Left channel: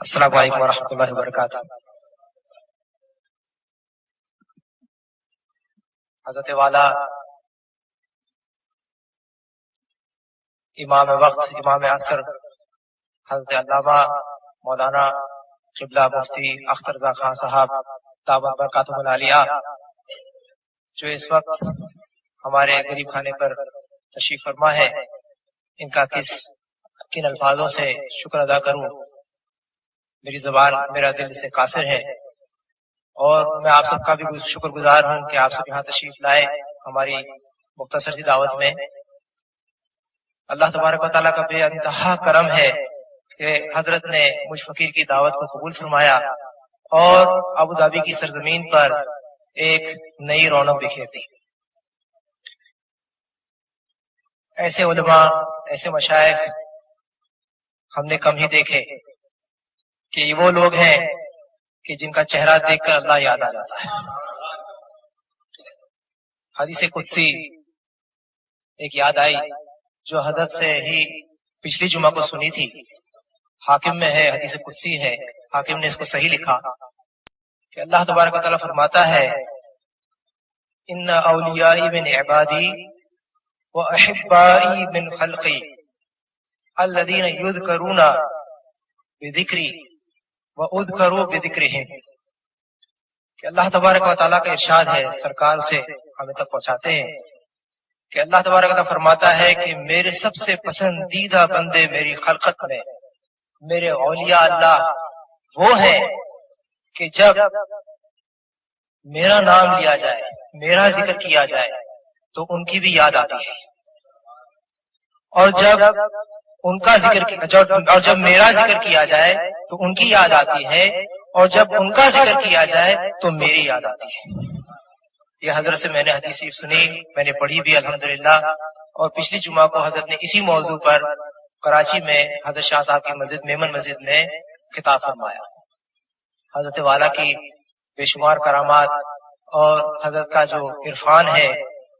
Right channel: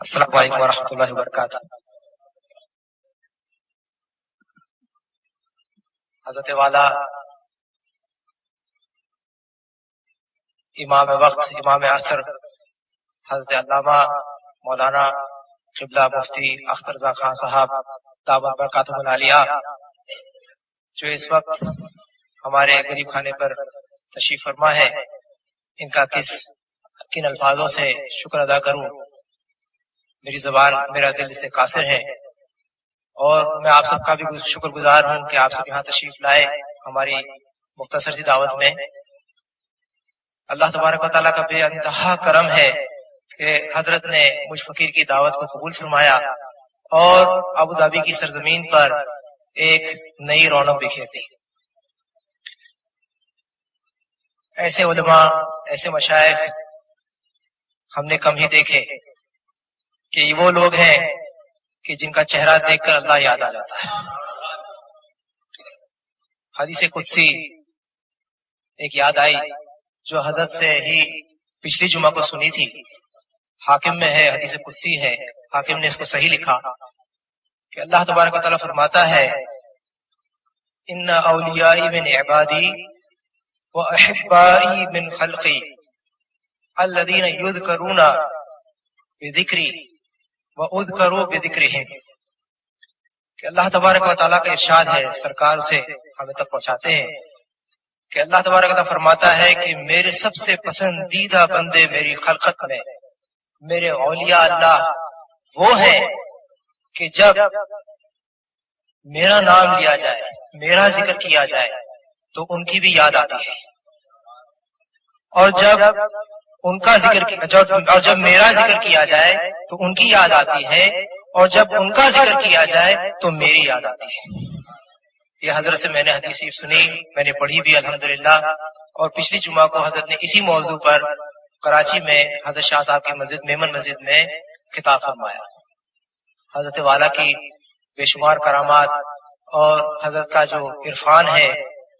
السلام علیکم ورحمۃ اللہ وبرکاتہ۔ حضرت والا امام وقت امام عصر حضرت علامہ مولانا قبلہ مفتی اختر رضا خان صاحب دعوت برکاتہم العالیہ جو اس وقت ہمارے غریب خانے پر تشریف فرما ہے، ان کا کن الفاظوں سے شکر ادا کروں؟ میری زبان میرا دل سے قاصر ہے، اور میں آپ سب کا بھی شکر گزار ہوں کہ آپ سب یہاں تشریف لائے ہماری مختصر سی دعوت میں۔ اللہ تبارک و تعالیٰ کا بے انتہا کرم ہے کہ حضرت نے مجھ فقیر کی دعوت کو قبول فرمایا اور ابوظہبی کی سرزمین پر ایک نئی رونق بکھیر دی۔ ایسے علماء، ایسے مشائخ ہم نے کم ہی دیکھے کہ یہ وہ لوگ ہیں کہ جن کا چہرہ دیکھ کر اللہ یاد آ جاتا ہے۔ حدیث قدسی ایک یاد آئی جو حضرت سے ہی پچھلی جمعہ کو سنی تھی، حاکم میں ہے، حدیث قدسی ہے، حاکم نے اس کو صحیح لکھا کہ اللہ تبارک و تعالیٰ فرماتا ہے ان اولیائی من عبادی و احبائی من خلقی الذین یذکرون بذکری وَأُذْكَرُوا بِذِكْرِهِمْ، کہ اللہ تبارک و تعالیٰ کا ارشاد ہے، سرکار اسے ہمیں تک پہنچاتے ہیں کہ اللہ تبارک و تعالیٰ فرماتا ہے کہ میرے سب سے پسندیدہ بندے میری خلقت میں، میرے اولیاء اللہ وہ ہیں کہ جب میرا نام لیا جائے، میرا ذکر کیا جائے تو ان کی بھی یاد آتی ہے، اور جب ان کا ذکر اور جب میرا ذکر کیا جائے تو ان کی یاد آتی ہے، اور جب ان کا ذکر کیا جائے تو میری یاد آتی ہے۔ یہ حضرت سے میں نے حدیث سنی، میں نے پڑھی بھی الحمدللہ، اور پچھلی جمعہ کو حضرت نے اسی موضوع پر کراچی میں حضرت شاہ صاحب کی مسجد میمن مسجد میں خطاب فرمایا۔ حضرت والا کی بے شمار کرامات اور حضرت کا جو عرفان ہے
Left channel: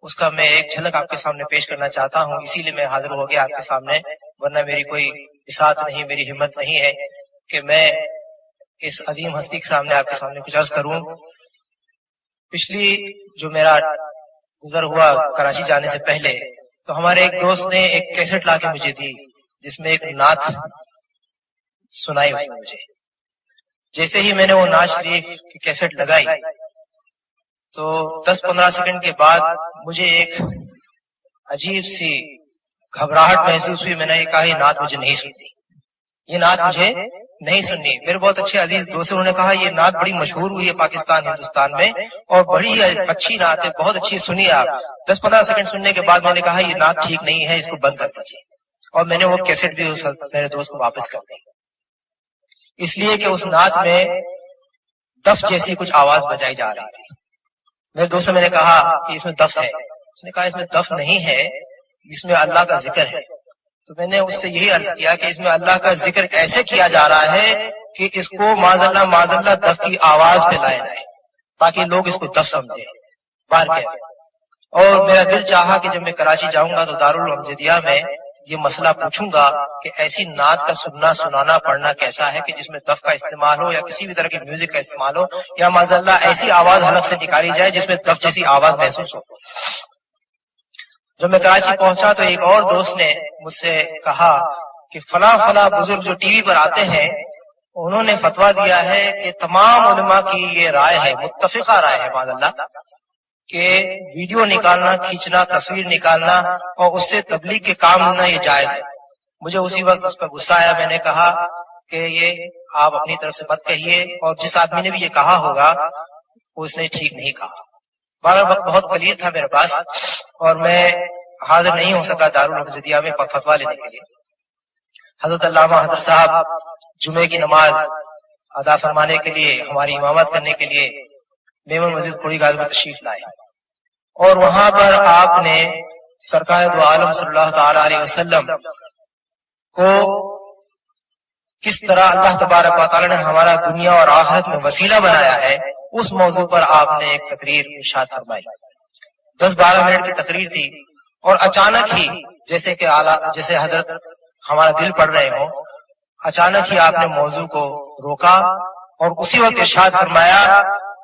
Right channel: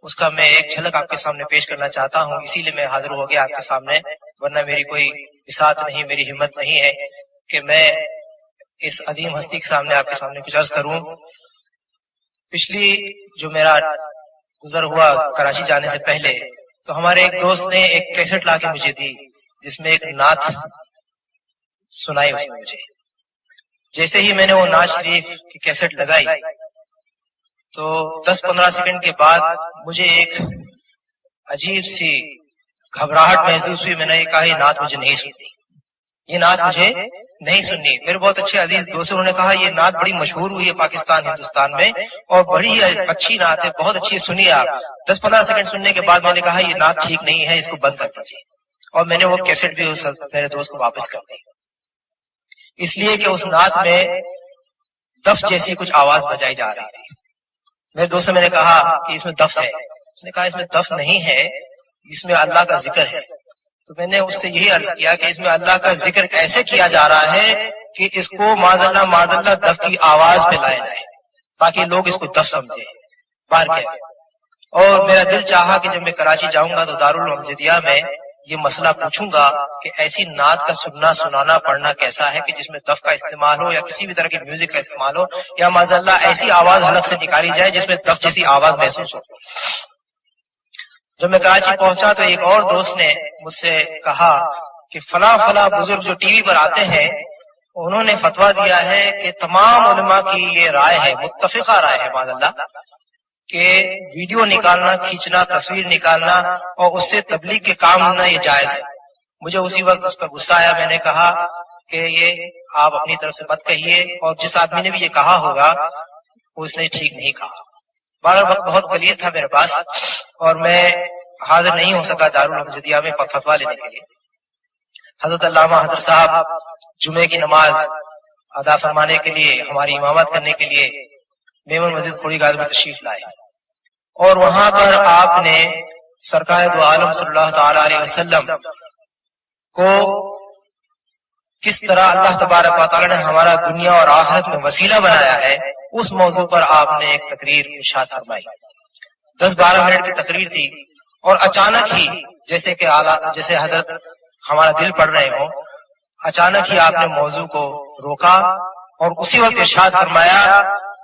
اس کا میں ایک جھلک آپ کے سامنے پیش کرنا چاہتا ہوں، اسی لیے میں حاضر ہو گیا آپ کے سامنے، ورنہ میری کوئی بساط نہیں، میری ہمت نہیں ہے کہ میں اس عظیم ہستی کے سامنے آپ کے سامنے کچھ عرض کروں۔ پچھلی جو میرا گزر ہوا کراچی جانے سے پہلے تو ہمارے ایک دوست نے ایک کیسٹ لا کے مجھے دی جس میں ایک نعت سنائی اس نے مجھے۔ جیسے ہی میں نے وہ نعت شریف کی کیسٹ لگائی تو 10-15 سیکنڈ کے بعد مجھے ایک عجیب سی گھبراہٹ محسوس ہوئی۔ میں نے کہا یہ نعت مجھے نہیں سننی، یہ نعت مجھے نہیں سننی۔ میرے بہت اچھے عزیز دوست انہوں نے کہا یہ نعت بڑی مشہور ہوئی ہے پاکستان ہندوستان میں اور بڑی اچھی نعت ہے، بہت اچھی ہے، سنیے آپ۔ 10-15 سیکنڈ سننے کے بعد میں نے کہا یہ نعت ٹھیک نہیں ہے، اس کو بند کر دیجیے، اور میں نے وہ کیسٹ بھی میرے دوست کو واپس کر دی، اس لیے کہ اس نعت میں دف جیسی کچھ آواز بجائی جا رہی تھی۔ میرے دوست سے میں نے کہا کہ اس میں دف ہے، اس نے کہا اس میں دف نہیں ہے، اس میں اللہ کا ذکر ہے۔ تو میں نے اس سے یہی عرض کیا کہ اس میں اللہ کا ذکر ایسے کیا جا رہا ہے کہ اس کو معاذ اللہ دف کی آواز پہ لایا جائے تاکہ لوگ اس کو دف سمجھے، بار کیا۔ اور میرا دل چاہا کہ جب میں کراچی جاؤں گا تو دارالمجدیہ میں یہ مسئلہ پوچھوں گا کہ ایسی نعت کا سننا سنانا پڑھنا کیسا ہے کہ جس میں دف کا استعمال ہو یا کسی بھی طرح کے میوزک کا استعمال ہو، یا معاذ اللہ ایسی آواز حلق سے نکالی جائے جس میں دف جیسی آواز محسوس ہو۔ جب میں کراچی پہنچا تو ایک اور دوست نے مجھ سے کہا کہ فلاں بزرگ جو ٹی وی پر آتے ہیں انہوں نے فتویٰ دیا ہے کہ تمام علماء کی یہ رائے ہے، متفقہ رائے ہے معاذ اللہ، کہ ویڈیو نکالنا، کھینچنا، تصویر نکالنا اور اس سے تبلیغ کے کام لینا یہ جائز ہے۔ مجھے اسی وقت اس پر غصہ آیا، میں نے کہا کہ یہ آپ اپنی طرف سے مت کہیے، اور جس آدمی نے بھی یہ کہا ہوگا وہ اس نے ٹھیک نہیں کہا۔ بارہ وقت بہت قلیل تھا میرے پاس اور میں حاضر نہیں ہو سکا دارالمجدیہ میں فتویٰ لینے کے لیے۔ حضرت علامہ حضرت صاحب جمعے کی نماز ادا فرمانے کے لیے، ہماری امامت کرنے کے لیے میمن مسجد کھوڑی گاز میں تشریف لائے، اور وہاں پر آپ نے سرکار دو عالم صلی اللہ تعالی علیہ وسلم کو کس طرح اللہ تبارک و تعالی نے ہمارا دنیا اور آخرت میں وسیلہ بنایا ہے اس موضوع پر آپ نے ایک تقریر ارشاد فرمائی۔ 10-12 منٹ کی تقریر تھی، اور اچانک ہی جیسے حضرت ہمارا دل پڑھ رہے ہوں اچانک ہی آپ نے موضوع کو روکا اور اسی وقت ارشاد فرمایا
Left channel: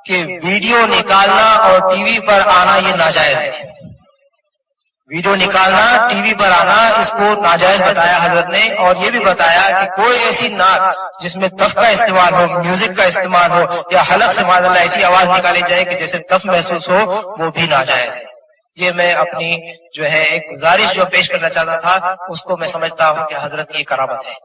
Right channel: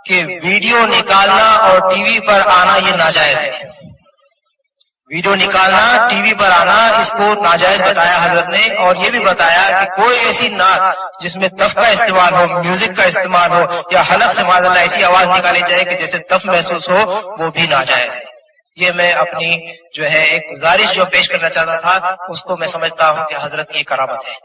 کہ ویڈیو نکالنا اور ٹی وی پر آنا یہ ناجائز ہے. ویڈیو نکالنا، ٹی وی پر آنا، اس کو ناجائز بتایا حضرت نے، اور یہ بھی بتایا کہ کوئی ایسی نعت جس میں تف کا استعمال ہو، میوزک کا استعمال ہو، یا حلق سے معاذ اللہ ایسی آواز نکالی جائے کہ جیسے تف محسوس ہو، وہ بھی ناجائز ہے. یہ میں اپنی جو ہے ایک گزارش جو پیش کرنا چاہتا تھا، اس کو میں سمجھتا ہوں کہ حضرت کی کرامت ہے.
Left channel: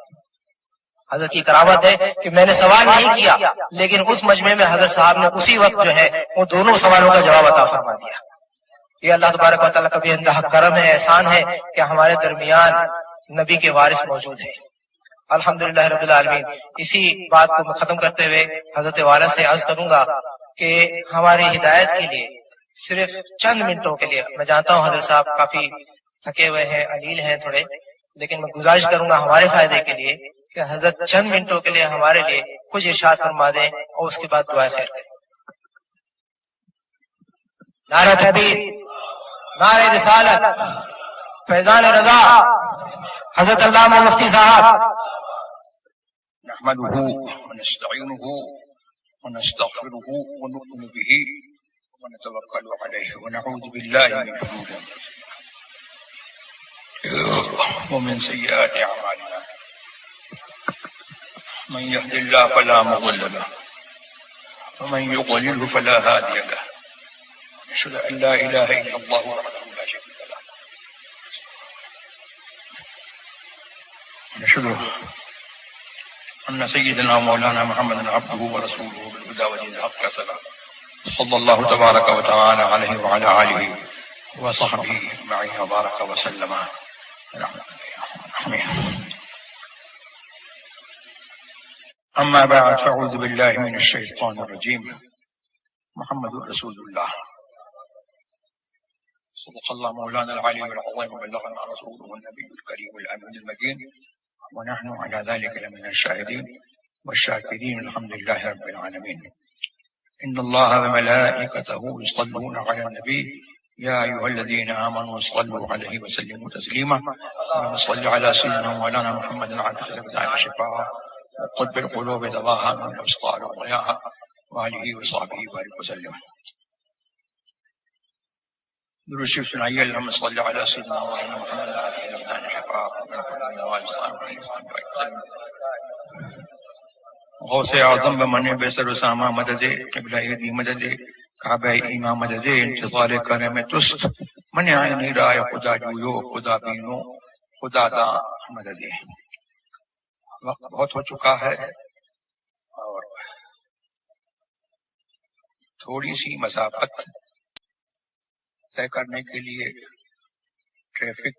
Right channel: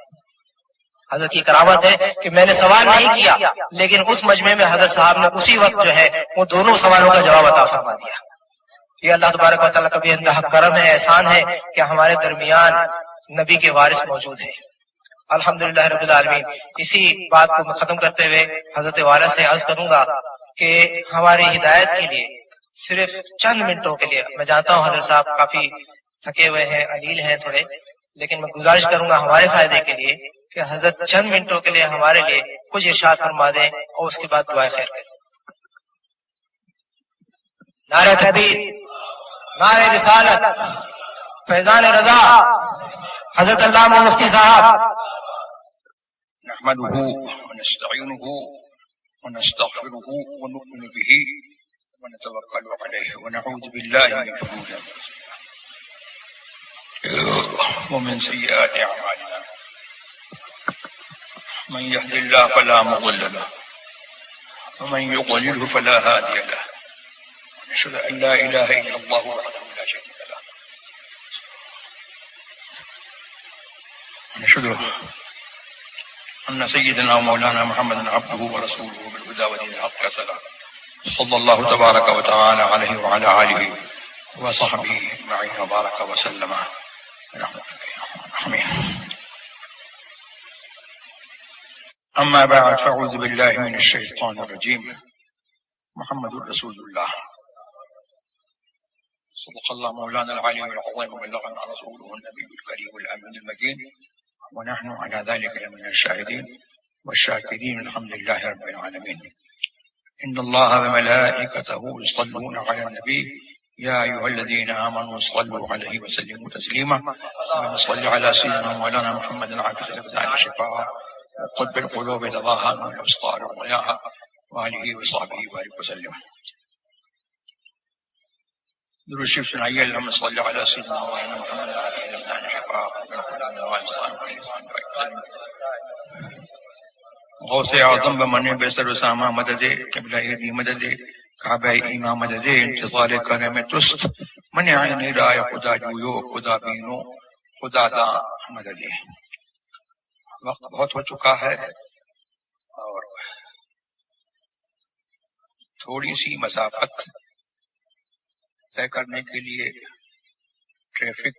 حضرت کی کرامت ہے کہ میں نے سوال نہیں کیا، لیکن اس مجمع میں حضرت صاحب نے اسی وقت جو ہے وہ دونوں سوالوں کا جواب عطا فرما دیا. یہ اللہ تبارک و تعالیٰ کا بھی انتہا کرم ہے، احسان ہے کہ ہمارے درمیان نبی کے وارث موجود ہیں. الحمدللہ رب العالمین. اسی بات کو میں ختم کرتے ہوئے حضرت والا سے عرض کروں گا کہ ہماری ہدایت کے لیے صرف چند منٹوں کے لیے، میں جانتا ہوں حضرت صاحب کافی تھکے ہوئے ہیں، علیل ہیں تھوڑے، لیکن میں گزارش کروں گا ہمارے فائدے کے لیے کہ حضرت چند منٹوں کے لیے ہمارے لیے کچھ ارشاد فرما دیں اور اس کے بعد دعائیں خیر کریں. نعرہ تکبیر، نعرہ رسالت، فیضان رضا، حضرت علامہ مفتی صاحب. نحمده ونستعينه ونستغفره ونؤمن به ونتوكل عليه ونعوذ بالله من شرور انفسنا ومن سيئات اعمالنا. من يهد الله فلا مضل له ومن يضلل فلا هادي له. ونشهد ان لا اله الا الله وحده لا شريك له. ونشهد ان سيدنا مولانا محمد عبده ورسوله بالهدى ودين الحق صلى الله تبارك وتعالى عليه وعلى اله وصحبه اجمعين وبارك وسلم. اما بعد فاعوذ بالله من الشيطان الرجيم. محمد رسول الله صدق الله مولانا العلي العظيم وبلغنا رسوله النبي الكريم الامين المجيد ونحن على ذلك لمن الشاهدين والشاكرين. الحمد لله رب العالمين. ان الله وملائكته يصلون على النبي يا ايها الذين امنوا صلوا عليه وسلموا تسليما. اللهم صل على سيدنا مولانا محمد العافية الابدان شفاء وقلب القلوب دواها من الابصار وضياها وآله وصحبه وبارك وسلم. درود شریف سنائیے. اللهم صل على سيدنا مولانا محمد العافية الابدان شفاء وقلب القلوب دواها. غوث اعظم بمن بسر اسامہ مدد، قبلہ دی مدد، کعبہ ایمان مدد، انتظار کرم تست، من عین رائے خدا جویو خدا بینو خدا دا مدد. وقت بہت ہو چکا ہے اور تھوڑی سی مسافت طے کرنے کے لیے ٹریفک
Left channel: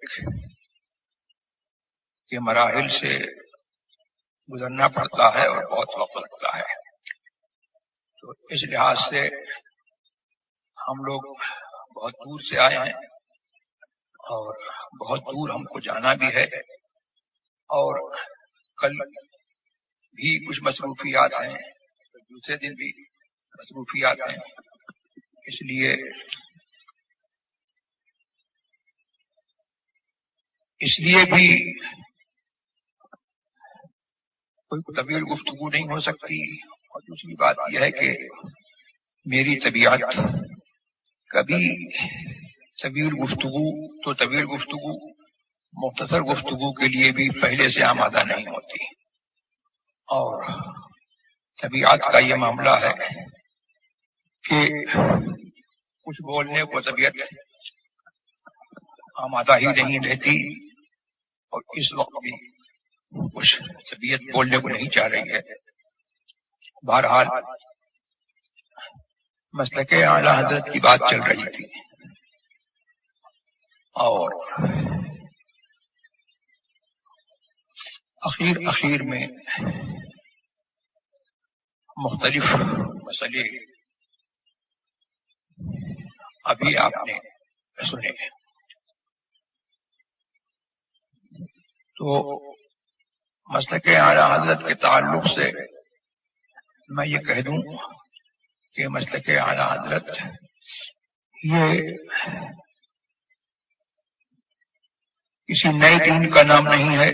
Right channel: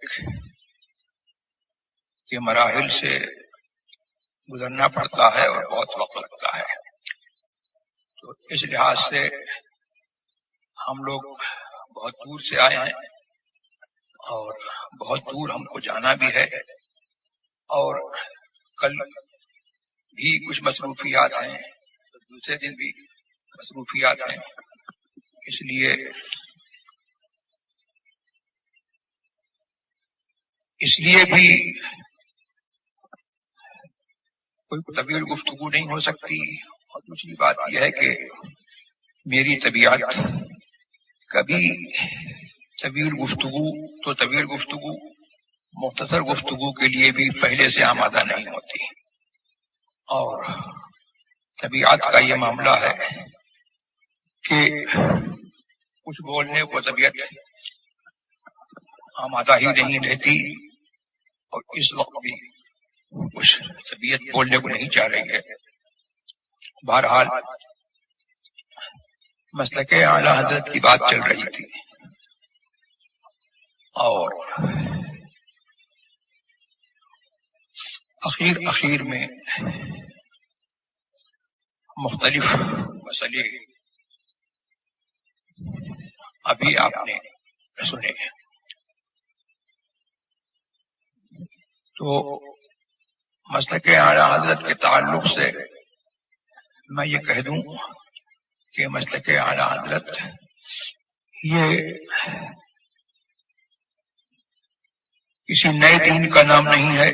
کے مراحل سے گزرنا پڑتا ہے اور بہت وقت لگتا ہے. تو اس لحاظ سے ہم لوگ بہت دور سے آئے ہیں اور بہت دور ہم کو جانا بھی ہے، اور کل بھی کچھ مصروفیات ہیں، دوسرے دن بھی مصروفیات ہیں. اس لیے بھی کوئی طویل گفتگو نہیں ہو سکتی. اور دوسری بات یہ ہے کہ میری طبیعت کبھی طویل گفتگو مختصر گفتگو کے لیے بھی پہلے سے آمادہ نہیں ہوتی. اور طبیعت کا یہ معاملہ ہے کہ کچھ بولنے کو طبیعت آمادہ ہی نہیں رہتی، اور اس وقت بھی کچھ طبیعت بولنے کو نہیں چاہ رہی ہے. بہرحال مسلک اعلی حضرت کی بات چل رہی تھی، اور اخیر میں مختلف مسئلے ابھی آپ نے سنے. تو مسلک اعلی حضرت کے تعلق سے میں یہ کہہ دوں کہ مسلک اعلی حضرت یہ کسی نئے دین کا نام نہیں ہے،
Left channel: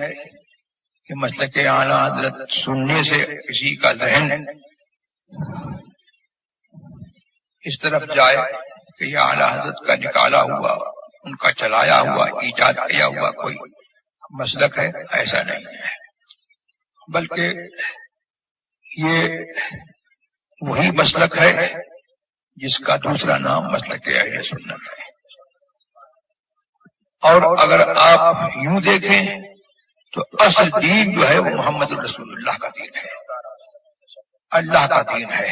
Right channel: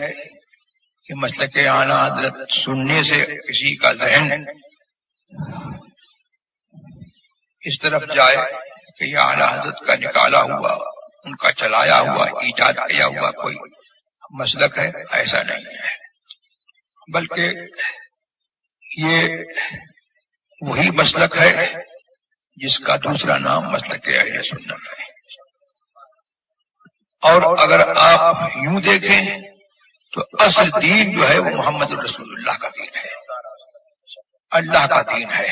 کہ مسلک اعلیٰ حضرت سننے سے کسی کا ذہن اس طرف جائے کہ یہ اعلیٰ حضرت کا نکالا ہوا، ان کا چلایا ہوا، ایجاد کیا ہوا کوئی مسلک ہے، ایسا نہیں ہے، بلکہ یہ وہی مسلک ہے جس کا دوسرا نام مسلک اہل سنت ہے۔ اور اگر آپ یوں دیکھیں تو اصل دین جو ہے وہ محمد رسول اللہ کا دین ہے، اللہ کا دین ہے۔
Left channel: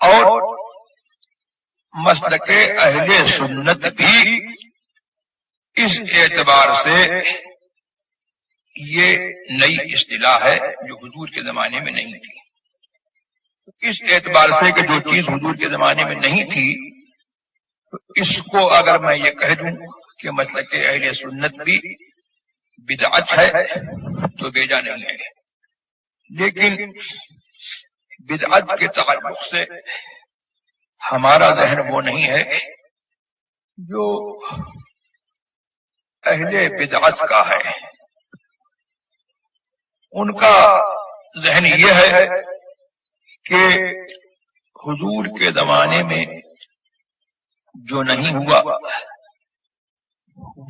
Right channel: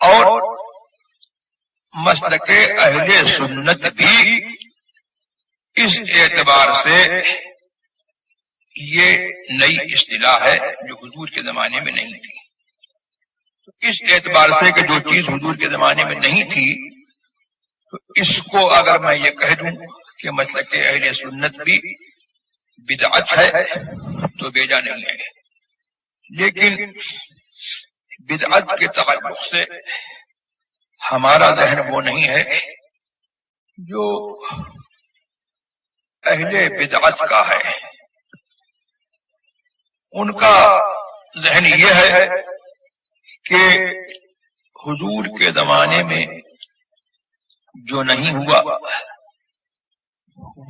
اور مسلک اہل سنت بھی اس اعتبار سے یہ نئی اصطلاح ہے جو حضور کے زمانے میں نہیں تھی۔ تو اس اعتبار سے کہ جو چیز حضور کے زمانے میں نہیں تھی، تو اس کو اگر میں یہ کہہ دوں کہ مسلک اہل سنت بھی بدعت ہے تو بیجا نہیں ہے، لیکن بدعت کے تعلق سے ہمارا ذہن وہ نہیں ہے جو اہل بدعت کا ہے۔ ان کا ذہن یہ ہے کہ حضور کے زمانے میں جو نہیں ہوا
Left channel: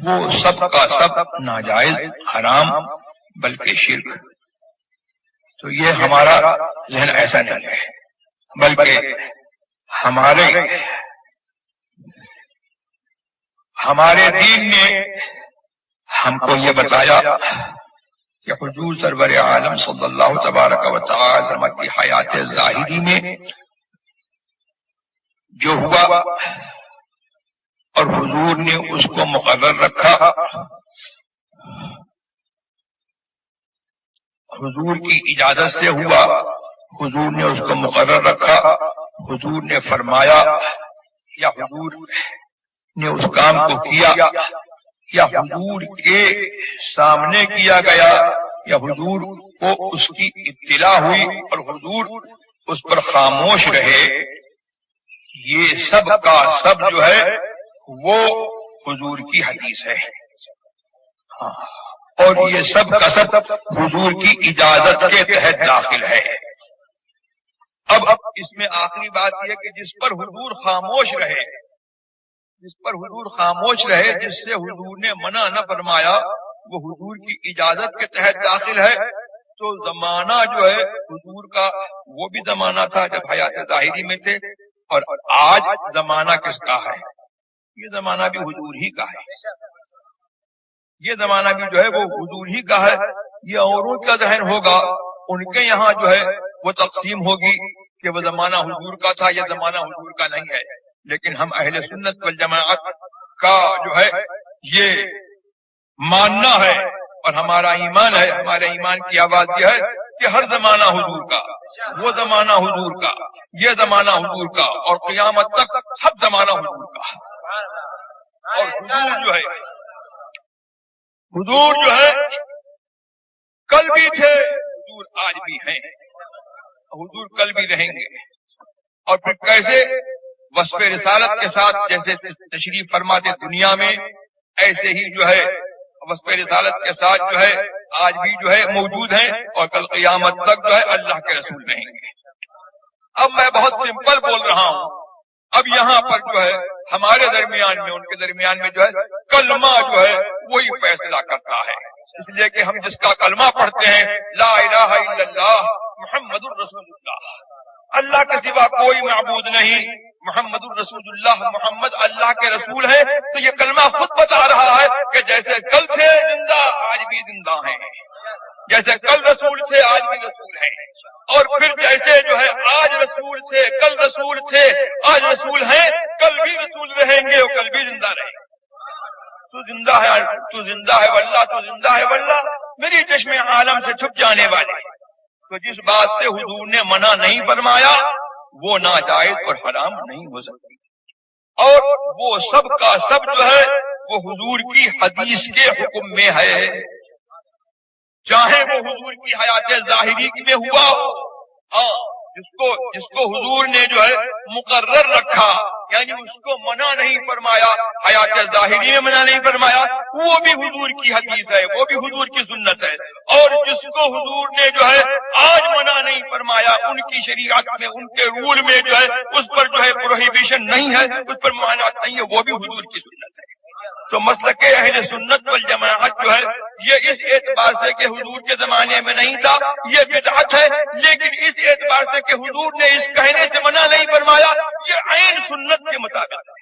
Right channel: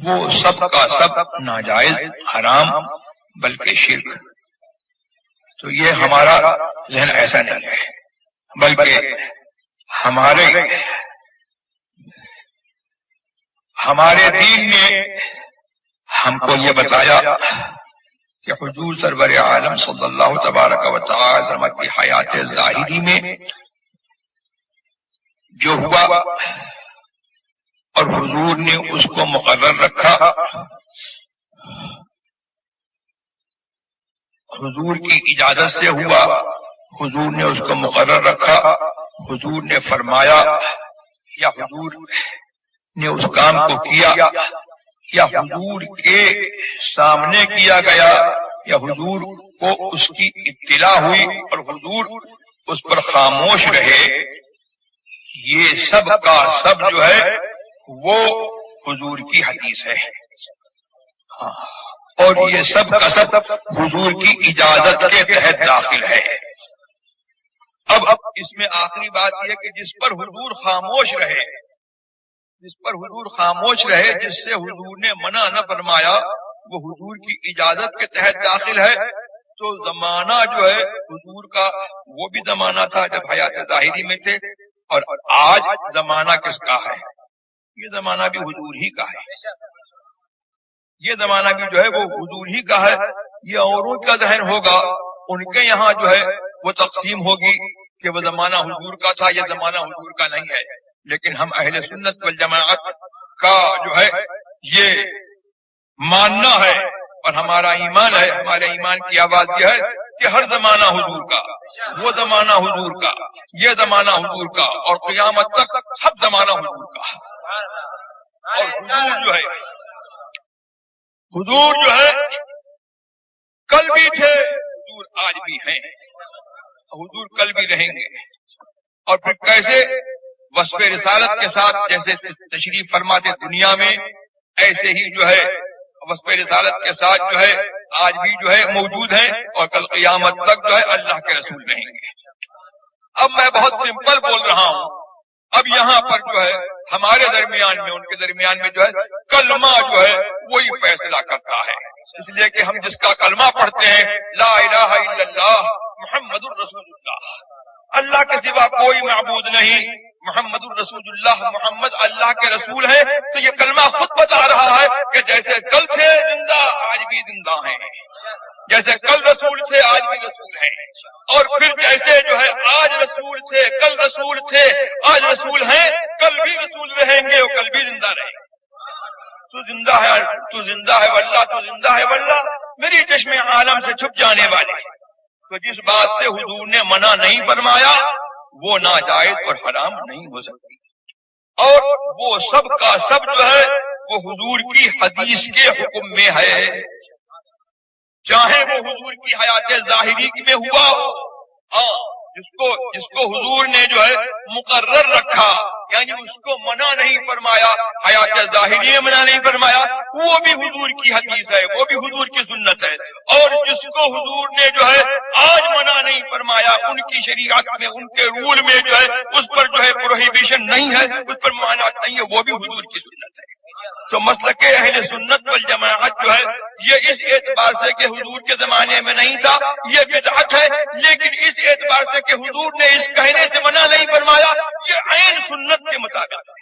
وہ سب کا سب ناجائز، حرام، بلکہ شرک۔ تو یہ ہمارا ذہن ایسا نہیں ہے، بلکہ ہمارے دین نے ہم کو یہ بتایا کہ حضور سرور عالم صلی اللہ تبارک و تعالی وسلم کی حیات ظاہری میں جو ہوا اور حضور نے اس کو مقرر رکھا، حضور کی اجازت سے ہوا، حضور نے اس کو مقرر رکھا، حضور نے فرمایا یا حضور نے اس کام کو کیا، یا حضور کے سامنے کیا گیا، یا حضور کو اس کی اطلاع ہوئی اور حضور اس پر خاموش رہے، یہ سب کا سب جو ہے وہ حضور کی حدیث ہے، اور یہ سب کا سب حضور کی اجازت کے تحت داخل ہے۔ اب اس میں آخری بات یہ کہ جس پر حضور خاموش رہے، جس پر حضور خاموش رہے، جس سے حضور نے منع نہ فرمایا، وہ حضور کی اجازت کے تحت داخل ہے۔ تو زمانہ جو ہے حضور کا وہ بھی زمانہ تھا جب حیات ظاہری میں تھے، اور آج زمانہ کس کا ہے؟ یہ زمانہ بھی حضور ہی کا ہے، یہ زمانہ بھی جو ہے وہ حضور ہی کا ہے۔ یہ اوروں کا ذہن ہوگا، ان کے یہاں جو ہے وہ تقسیم ہوگی کہ وہ زمانہ حضور کا تھا، یہ زمانہ حضور کا نہیں ہے، لیکن ہم اہل سنت والجماعت کا جو ہے یہ ماننا ہے اور ہمارا ایمان ہے، ہمارے ایمان کی آواز یہ ہے کہ ہر زمانہ حضور کا، وہ زمانہ حضور کا، یہ زمانہ حضور کا، اور قیامت تک ہر زمانہ حضور کا۔ اور حضور جو ہے کل بھی تھے، حضور آج بھی ہیں، حضور کل بھی رہیں گے۔ اور پھر کیسے وصف رسالت کے ساتھ جیسے تشریف فرماتے دنیا میں، ایسے ہی جو ہے وصف رسالت کے ساتھ جو ہے آج بھی جو ہے موجود ہیں، اور کل قیامت تک جو ہے اللہ کے رسول رہیں گے۔ اب میں بہت سمپل بول رہا ہوں، اب یہاں پر جو ہے ہمارے درمیان میں، ان کے درمیان میں جو ہے کلمہ جو ہے وہی فیصلہ کرتا ہے، اس لیے کہ ہم جس کا کلمہ پڑھتے ہیں لا الہ الا اللہ محمد الرسول اللہ، اللہ کے سوا کوئی معبود نہیں، محمد الرسول اللہ، محمد اللہ کے رسول ہیں، تو یہ کلمہ خود بتا رہا ہے کہ جیسے کل تھے زندہ آج بھی زندہ ہیں، جیسے کل رسول تھے آج بھی رسول ہیں، اور پھر جیسے جو ہے آج رسول تھے، کل رسول تھے، آج رسول ہیں، کل بھی رسول رہیں گے اور کل بھی زندہ رہیں گے۔ تو زندہ ہے، تو زندہ ہے واللہ، تو زندہ ہے واللہ، میری چشم عالم سے چھپ جانے والے۔ تو جس بات سے حضور نے منع نہیں فرمایا وہ ناجائز اور حرام نہیں ہو سکتی، اور وہ سب کا سب جو ہے وہ حضور کی حدیث کے حکم میں ہے، چاہے وہ حضور کی حیات ظاہری میں ہوا ہو، جس کو حضور نے جو ہے مقرر رکھا، یعنی اس کو منع نہیں فرمایا، حیات ظاہری میں منع نہیں فرمایا، وہ بھی حضور کی حدیث ہے، وہ بھی حضور کی سنت ہے۔ اور جس کو حضور نے جو ہے آج منع نہیں فرمایا، ان کی شریعت میں، ان کے رول میں جو ہے اس پر جو ہے پروہیبیشن نہیں ہے، اس پر ممانعت نہیں ہے، وہ بھی حضور کی سنت ہے۔ تو مسلک اہل سنت والجماعت جو ہے یہ اس اعتبار سے کہ حضور کے زمانے میں نہیں تھا یہ بدعت ہے، لیکن اس اعتبار سے کہ حضور نے اس کہنے سے منع نہیں فرمایا یہ عین سنت کے مطابق ہے۔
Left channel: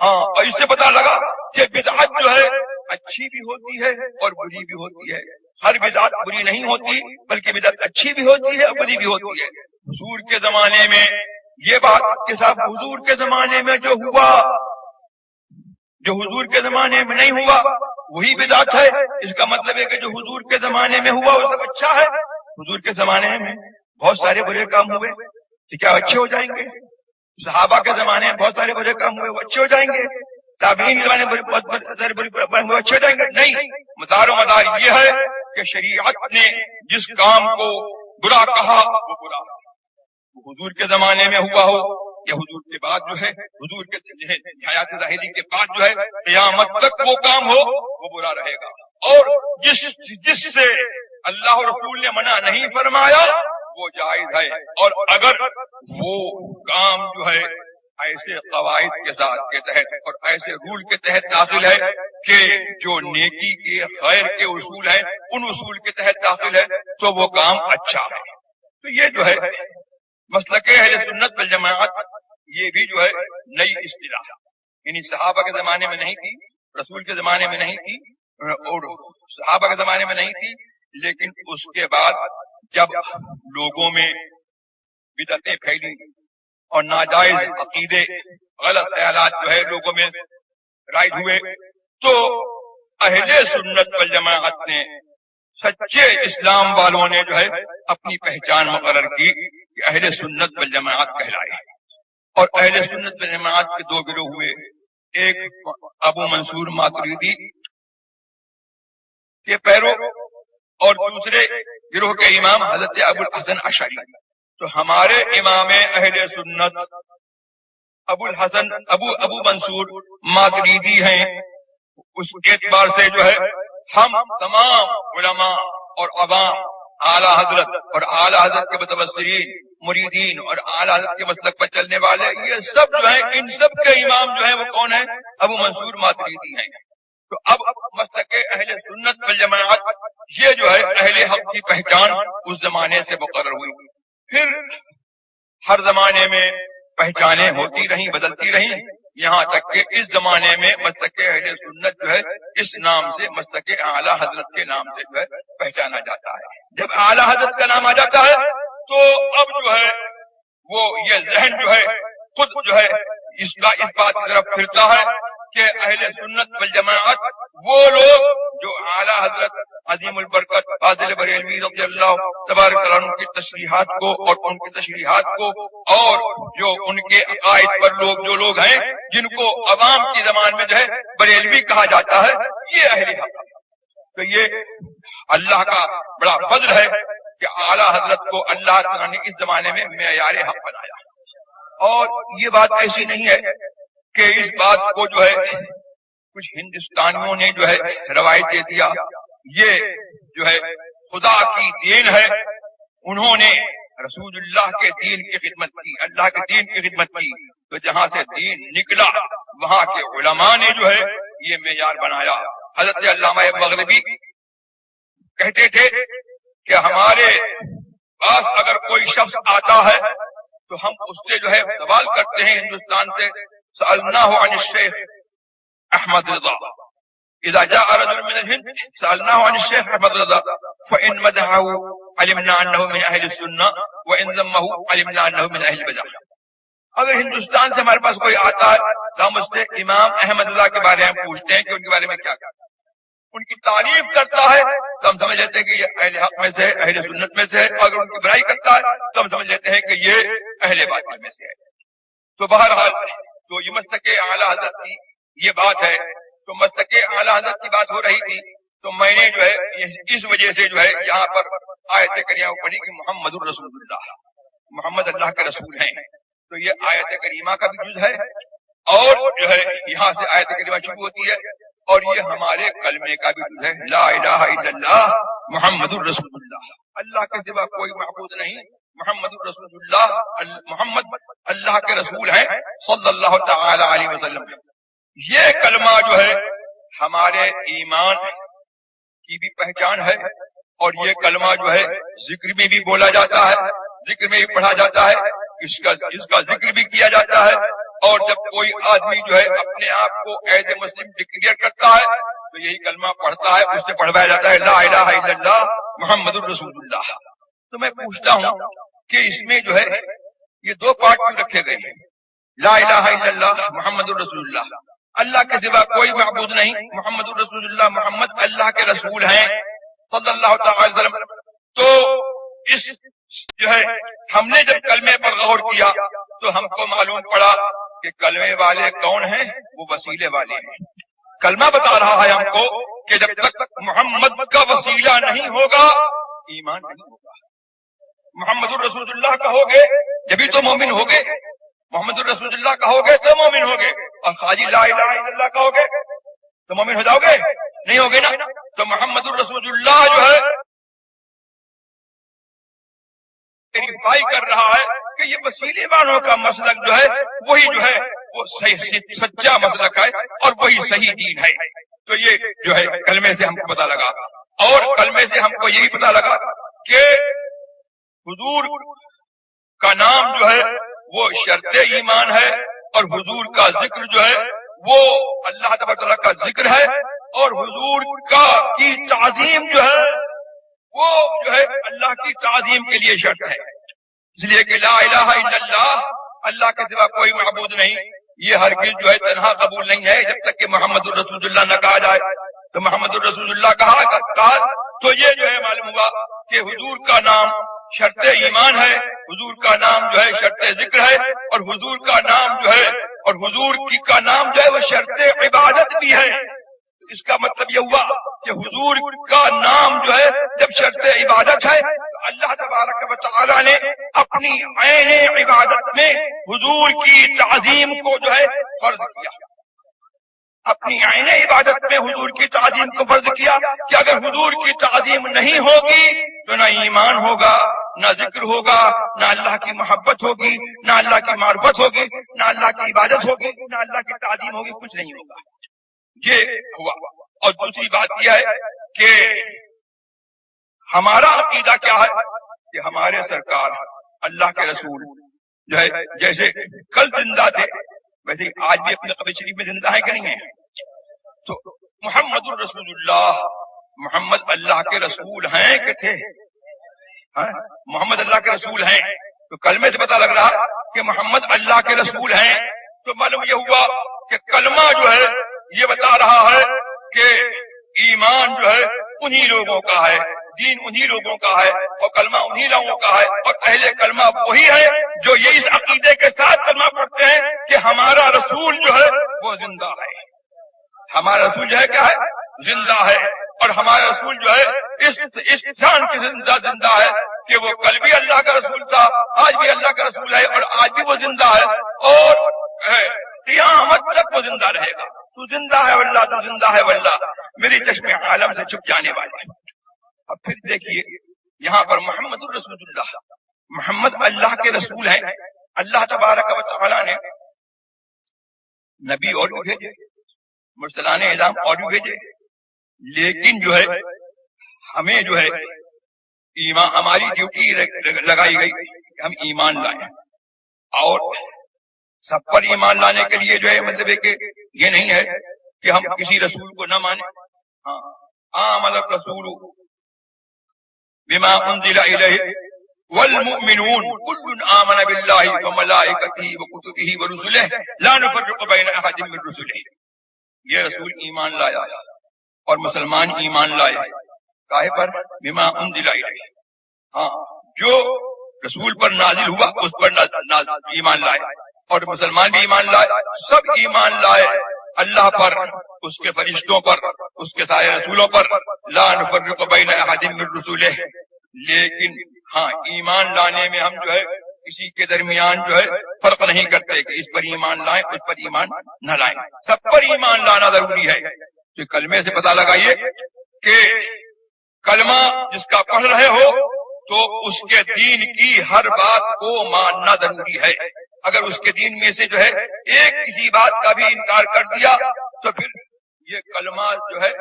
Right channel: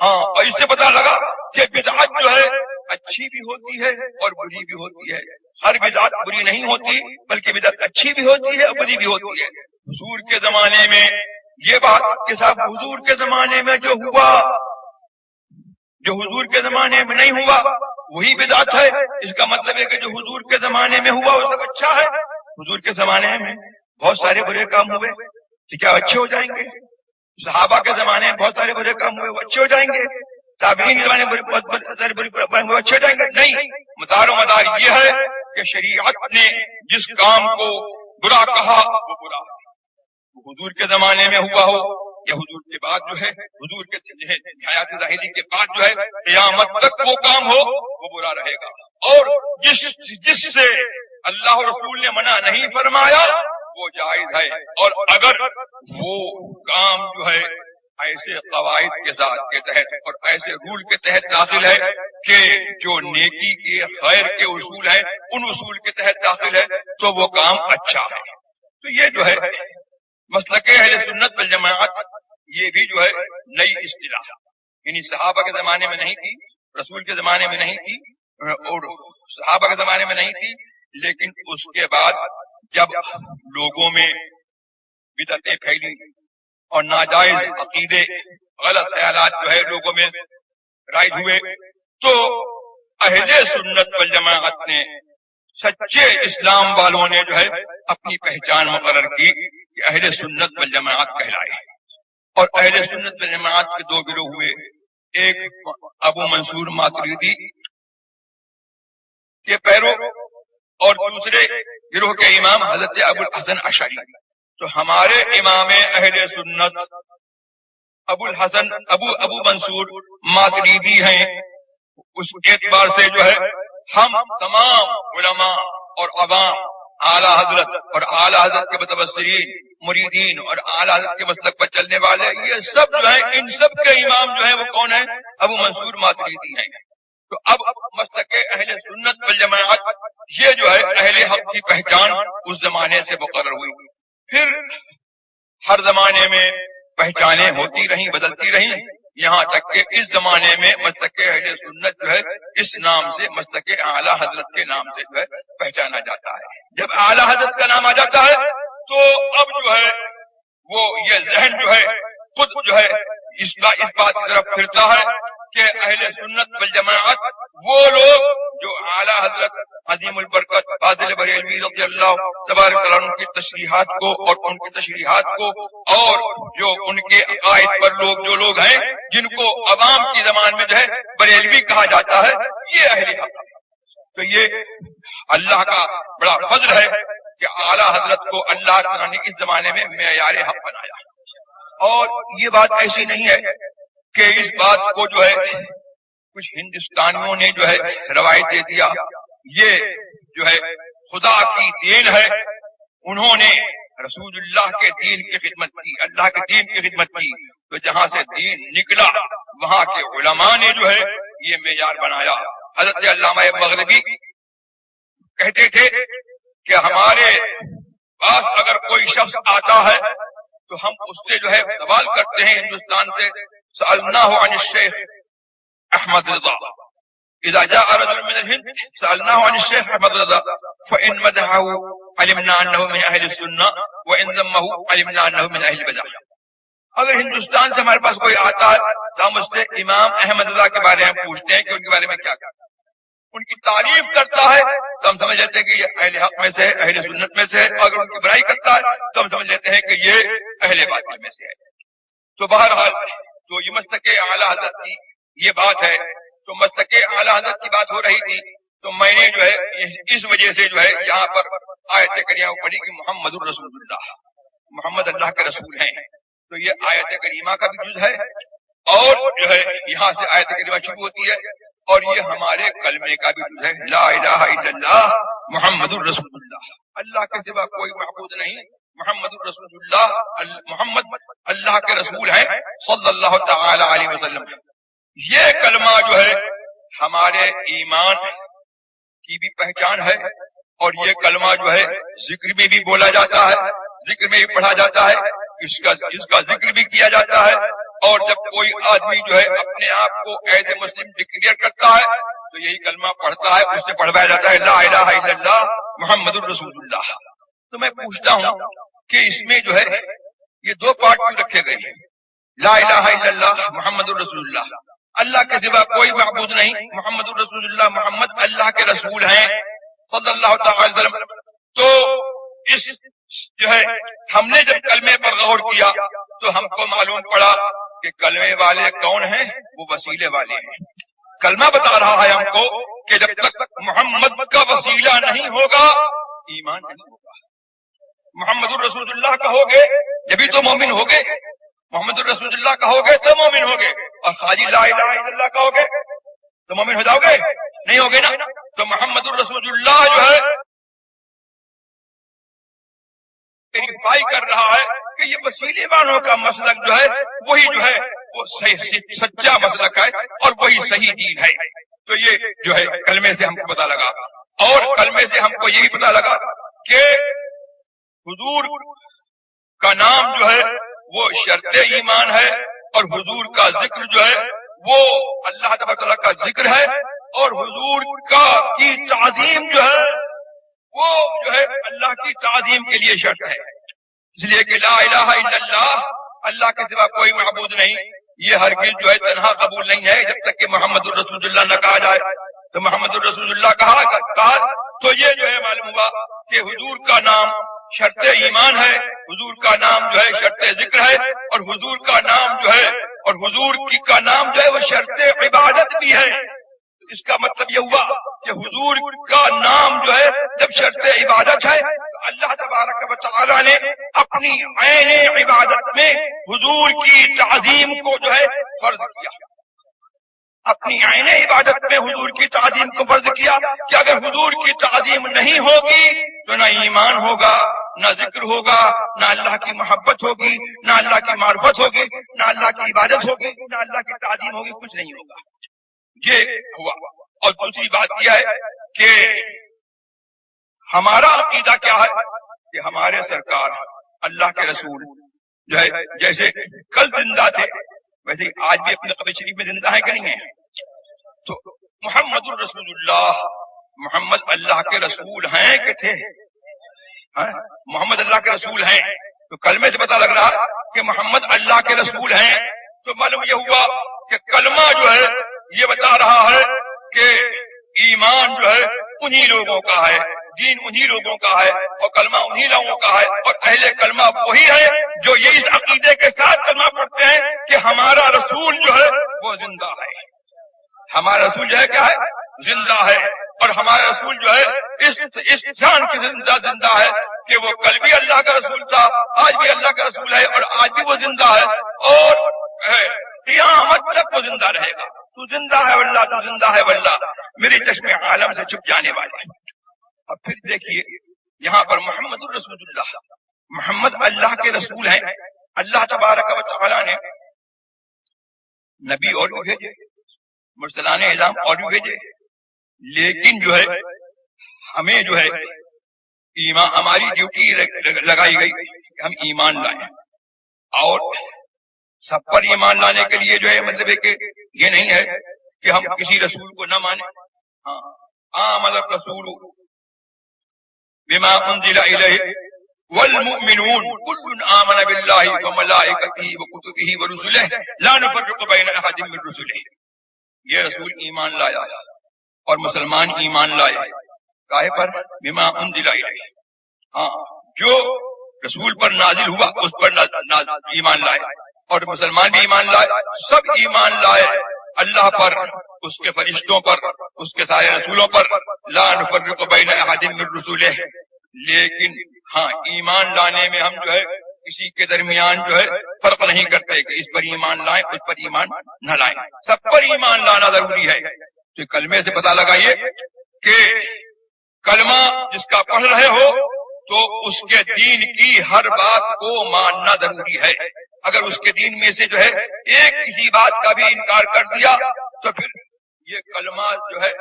ہاں، اور اس سے پتہ لگا کہ بدعت جو ہے اچھی بھی ہوتی ہے اور بری بھی ہوتی ہے۔ ہر بدعت بری نہیں ہوتی، بلکہ بدعت اچھی بھی ہوتی ہے اور بری بھی ہوتی ہے۔ حضور کے زمانے میں یہ بات کہ صاحب حضور کے زمانے میں جو ہوا، جو حضور کے زمانے میں نہیں ہوا وہی بدعت ہے، اس کا مطلب ہے کہ جو حضور کے زمانے میں ہوا وہ سب اچھا ہے۔ حضور کے زمانے میں بہت سارے برے کام ہوئے تو کیا اچھے ہو جائیں گے؟ صحابہ کے زمانے میں بہت سارے برے کام ہوئے وہ اچھے ہو جائیں گے؟ تابعین کے زمانے میں بہت سارے برے کام ہوئے اچھے ہو جائیں گے؟ نہیں، مدار و مدار یہ ہے کہ شریعت نے جس کام کو برا کہا وہ برا، وہ حضور کے زمانے میں ہوا ہو یا حضور کے بعد جو ہے، حضور کے حیات ظاہری کے بعد جو ہے قیامت تک وہ کام ہو وہ برا رہے گا۔ اور جس سے اللہ رسول نے منع نہیں فرمایا وہ جائز ہے، اور اگر وہ کام جو ہے ایسے قواعد کے ساتھ کے تحت اور ایسے رول کے تحت داخل ہے کہ جو نیکی کے خیر کے اصول ہیں ان اصول کے تحت داخل ہے تو وہ کام اچھا ہے۔ تو یہ جو ہے مسلک اہل سنت والجماعت یہ بھی جو ہے نئی اصطلاح، یعنی صحابہ کے زمانے میں نہیں تھی، رسول کے زمانے میں نہیں تھی اور صحابہ کے زمانے میں نہیں تھی، لیکن اس کے بعد جب لوگوں میں بدعتیں پھیلی اور ناجائز عقیدے غلط خیالات جو ہے لوگوں میں رائج ہوئے تو اہل سنت والجماعت نے، سچے اسلام والوں نے جو ہے اپنی پہچان مقرر کی کہ اہل سنت والجماعت کہلائے۔ اور اہل سنت والجماعت کے دو گروہ ہوئے، ایک ابو منصور ماتریدی کے پیرو اور دوسرے گروہ کے امام حضرت ابو الحسن اشعری۔ تو ہمارے امام اہل سنت ابو منصور ماتریدی ہیں، اس اعتبار سے جو ہے ہم تمام علماء اور عوام اعلی حضرت اور اعلی حضرت کے متبصرین مریدین اور اعلی حضرت کے مسلک پر چلنے والے یہ سب جو ہیں ان سب کے امام جو ہیں وہ کون ہیں؟ ابو منصور ماتریدی ہیں۔ تو اب مسلک اہل سنت والجماعت یہ جو ہے اہل حق کی پہچان اس زمانے سے مقرر ہوئی، پھر ہر زمانے میں پہچانیں ہوتی رہیں، بدلتی رہیں، یہاں تک کہ اس زمانے میں مسلک اہل سنت جو ہے اس نام سے، مسلک اعلی حضرت کے نام سے جو ہے پہچانا جاتا ہے۔ جب اعلی حضرت کا نام آ جاتا ہے تو اب جو ہے وہ یہ ذہن جو ہے خود جو ہے اس بات کی طرف پھرتا ہے کہ اہل سنت والجماعت وہ لوگ جو اعلی حضرت عظیم البرکت فاضل بریلوی رضی اللہ تبارک عنہ کی تشریحات کو اور ان کی تشریحات کو اور جو ان کے عقائد پر جو لوگ ہیں جن کو عوام کی زبان میں جو ہے بریلوی کہا جاتا ہے، یہ اہل حق۔ تو یہ اللہ کا بڑا فضل ہے کہ اعلی حضرت کو اللہ تعالیٰ نے اس زمانے میں معیار حق بنایا۔ اور یہ بات ایسی نہیں ہے کہ اس بات کو جو ہے کچھ ہندوستانیوں نے جو ہے روایت دے دیا، یہ جو ہے خدا کی دین ہے، انہوں نے رسول اللہ کے دین کی خدمت کی، اللہ کے دین کی خدمت کی، تو جہاں سے دین نکلا وہاں کے علماء نے جو ہے یہ معیار بنایا۔ حضرت علامہ مغربی کہتے تھے کہ ہمارے پاس اگر کوئی شخص آتا ہے تو ہم اس سے جو ہے سوال کرتے ہیں ہندوستان سے، سألناه عن الشیخ احمد رضا، اذا جاء رجل من الهند سألناه عن الشيخ احمد رضا فإن مدحه علمنا انه من اهل السنة وإن ذمه علمنا انه من اهل البدع۔ اگر ہندوستان سے ہمارے پاس کوئی آتا ہے تو ہم اس سے امام احمد رضا کے بارے میں پوچھتے ہیں کہ ان کے بارے میں کیا کہتے ہیں، ان کی تعریف کرتا ہے تو ہم سمجھ لیتے ہیں کہ یہ اہل حق میں سے ہے، اہل سنت میں سے ہے، اگر ان کی برائی کرتا ہے تو ہم سمجھ لیتے ہیں کہ یہ اہل باطل میں سے ہے۔ تو بہرحال تو یہ مسلک اعلی حضرت کی یہ بات ہے، تو مسلک اعلی حضرت کی بات ہو رہی تھی تو میں نے جو ہے اس وجہ سے جو ہے یہاں پر آیت کریمہ پڑھی کہ محمد الرسول اللہ، محمد اللہ کے رسول ہیں. تو یہ آیت کریمہ کا بھی جز ہے اور جو ہے یہاں سے آیت کریمہ شروع ہوتی ہے اور یہ ہمارے کلمے کا بھی جز ہے. لا الہ الا اللہ محمد الرسول اللہ. اللہ کے سوا کوئی معبود نہیں, محمد الرسول اللہ, محمد اللہ کے رسول ہیں صلی اللہ تعالی علیہ وسلم. یہ کلمہ جو ہے ہمارے ایمان کی بھی پہچان ہے اور یہ کلمہ جو ہے ذکر میں بھی بولا جاتا ہے, ذکر میں بھی پڑھا جاتا ہے, اس کا ذکر بھی کیا جاتا ہے. اور جب کوئی آدمی جو ہے اپنے آپ کو ایز اے مسلم ڈکلیئر کرتا ہے تو یہی کلمہ پڑھتا ہے, اس سے پڑھوایا جاتا ہے لا الہ الا اللہ محمد الرسول اللہ. تو میں پوچھتا ہوں کہ اس میں جو ہے یہ دو پارٹ کیوں رکھے گئے ہیں؟ لا الہ الا اللہ محمد الرسول اللہ, اللہ کے سوا کوئی معبود نہیں, محمد الرسول اللہ, محمد اللہ کے رسول ہیں صلی اللہ تعالی وسلم. تو اس جو ہے ہم نے جب کلمے پر غور کیا تو ہم کو معلوم پڑا کہ کلمے والے کون ہیں, وہ وسیلے والے ہیں. کلمہ بتا رہا ہے ہم کو کہ جب تک محمد کا وسیلہ نہیں ہوگا ایمان نہیں ہوگا. محمد الرسول اللہ کہوگے جبھی تو مومن ہوگے, محمد الرسول اللہ کہوگے تو مومن ہوگے, اور خالی لا الہ الا اللہ کہوگے تو مومن ہو جاؤ گے, نہیں ہوگے نا. تو محمد الرسول اللہ جو ہے ویریفائی کر رہا ہے کہ یہ وسیلے والوں کا مسلک جو ہے وہی جو ہے وہ صحیح سچا مسلک ہے اور وہی صحیح دین ہے. تو یہ جو ہے کلمے سے ہم کو پتا لگا, اور کلمے سے ہم کو یہ بھی پتا لگا کہ حضور کا نام جو ہے وہ شرط ایمان ہے اور حضور کا ذکر جو ہے وہ اللہ تبارک تعالیٰ کا ذکر ہے, اور حضور کی تعظیم جو ہے وہ جو ہے اللہ کی تعظیم کے لیے شرط ہے. اس لیے کہ لا الہ الا اللہ, اللہ کے سوا کوئی معبود نہیں, یہ ہرگز جو ہے تنہا قبول نہیں ہے جب تک کہ محمد الرسول اللہ نہ کہا جائے. تو محمد الرسول اللہ کہا تو یہ جو ہے معلوم ہوا کہ حضور کا نام شرط ایمان ہے, حضور کا نام جو ہے شرط ذکر ہے, اور حضور کا نام جو ہے اور حضور کی کا نام جو ہے وہ شرط عبادت بھی ہے. اس کا مطلب یہ ہوا کہ حضور کا نام جو ہے جب شرط عبادت ہے تو اللہ تبارک و تعالی نے اپنی عین عبادت میں حضور کی تعظیم کو جو ہے فرض کیا. اپنی عین عبادت میں حضور کی تعظیم کو فرض کیا کہ اگر حضور کی تعظیم نہیں ہوگی تو نہ ایمان ہوگا, نہ ذکر ہوگا, نہ اللہ کی محبت ہوگی, نہ اللہ کی معرفت ہوگی, نہ اللہ کی عبادت ہوگی, نہ اللہ کی تعظیم ہوگی, کچھ نہیں ہوگا. یہ ہوا. اور دوسری بات یہ ہے کہ ہمارا عقیدہ کیا ہے کہ ہمارے سرکار اللہ کے رسول جو ہے جیسے کل زندہ تھے ویسے آج بھی اپنے قبر شریف میں زندہ ہیں کہ نہیں ہیں. تو محمد الرسول اللہ, محمد اللہ کے رسول ہیں کہ تھے؟ محمد اللہ کے رسول ہیں. تو کلمے سے پتہ لگ رہا ہے کہ محمد اللہ کے رسول ہیں. تو معلوم یہ ہوا کہ کلمہ جو ہے یہ بتا رہا ہے کہ ایمان جو ہے انہی لوگوں کا ہے, دین انہی لوگوں کا ہے, اور کلمہ انہی لوگوں کا ہے, اور اہل کلمہ وہی ہے جو یہ اس عقیدے کے ساتھ کلمہ پڑھتے ہیں کہ ہمارا رسول جو ہے وہ زندہ ہے. ہمارا رسول جو ہے کیا ہے؟ زندہ ہے. اور ہمارا رسول جو ہے اس جان کی زندہ ہے کہ وہ کل بھی اللہ کا رسول تھا, آج بھی اللہ کا رسول ہے, اور آج بھی وہ زندہ ہے, اور قیامت تک وہ زندہ رہے گا. تو زندہ ہے واللہ, تو زندہ ہے واللہ, میری چشم عالم سے چھپ جانے والے. اب پھر دیکھیے یہاں پر محمد الرسول اللہ, محمد اللہ کے رسول ہیں. اللہ تبارک و تعالی نے نبی اور بھی بھیجے, مرسلان اعظام اور بھی بھیجے, لیکن جو ہے ہمیں جو ہے ایمان, ہماری ڈیوٹی لگائی گئی کہ ہم ایمان لائیں. اور سب پر ایمان لانے کے لیے جو ہے مطلب ہے کہ یہ نہیں ہے کہ ہم کسی رسول کو نہ مانیں. آمن الرسول بما انزل الیہ والمؤمنون كل آمن باللہ وملائکتہ وکتبہ ورسلہ لا نفرق بین احد من رسلہ. یہ رسول ایمان لایا اور مسلمان ایمان لائے. کاہے پر؟ بما انزل الیہ, جو رسول پر نازل ہوا اس پر ایمان لائے, اور مسلمان بھی ایمان لائے, سب ایمان لائے اللہ پر, اس کے فرشتوں پر, اس کے سارے رسولوں پر. لا نفرق بین احد من رسلہ. لیکن ہاں ایمان لانے میں ہم جو ہے کسی کے درمیان جو ہے فرق نہیں کرتے کہ اس پر ایمان لائیں اس پر ایمان نہ لائیں، سب پر ایمان لانا ضروری ہے۔ تو کلمے سے پتہ لگائیے کہ کلمہ جس کا پڑھ رہے ہو تو اس کے دین کی ہر بات کو ماننا ضروری ہے۔ اگر اس کے دین میں سے جو ہے ایک کسی بات کا بھی انکار کر دیا تو پھر یہ کلمہ جو ہے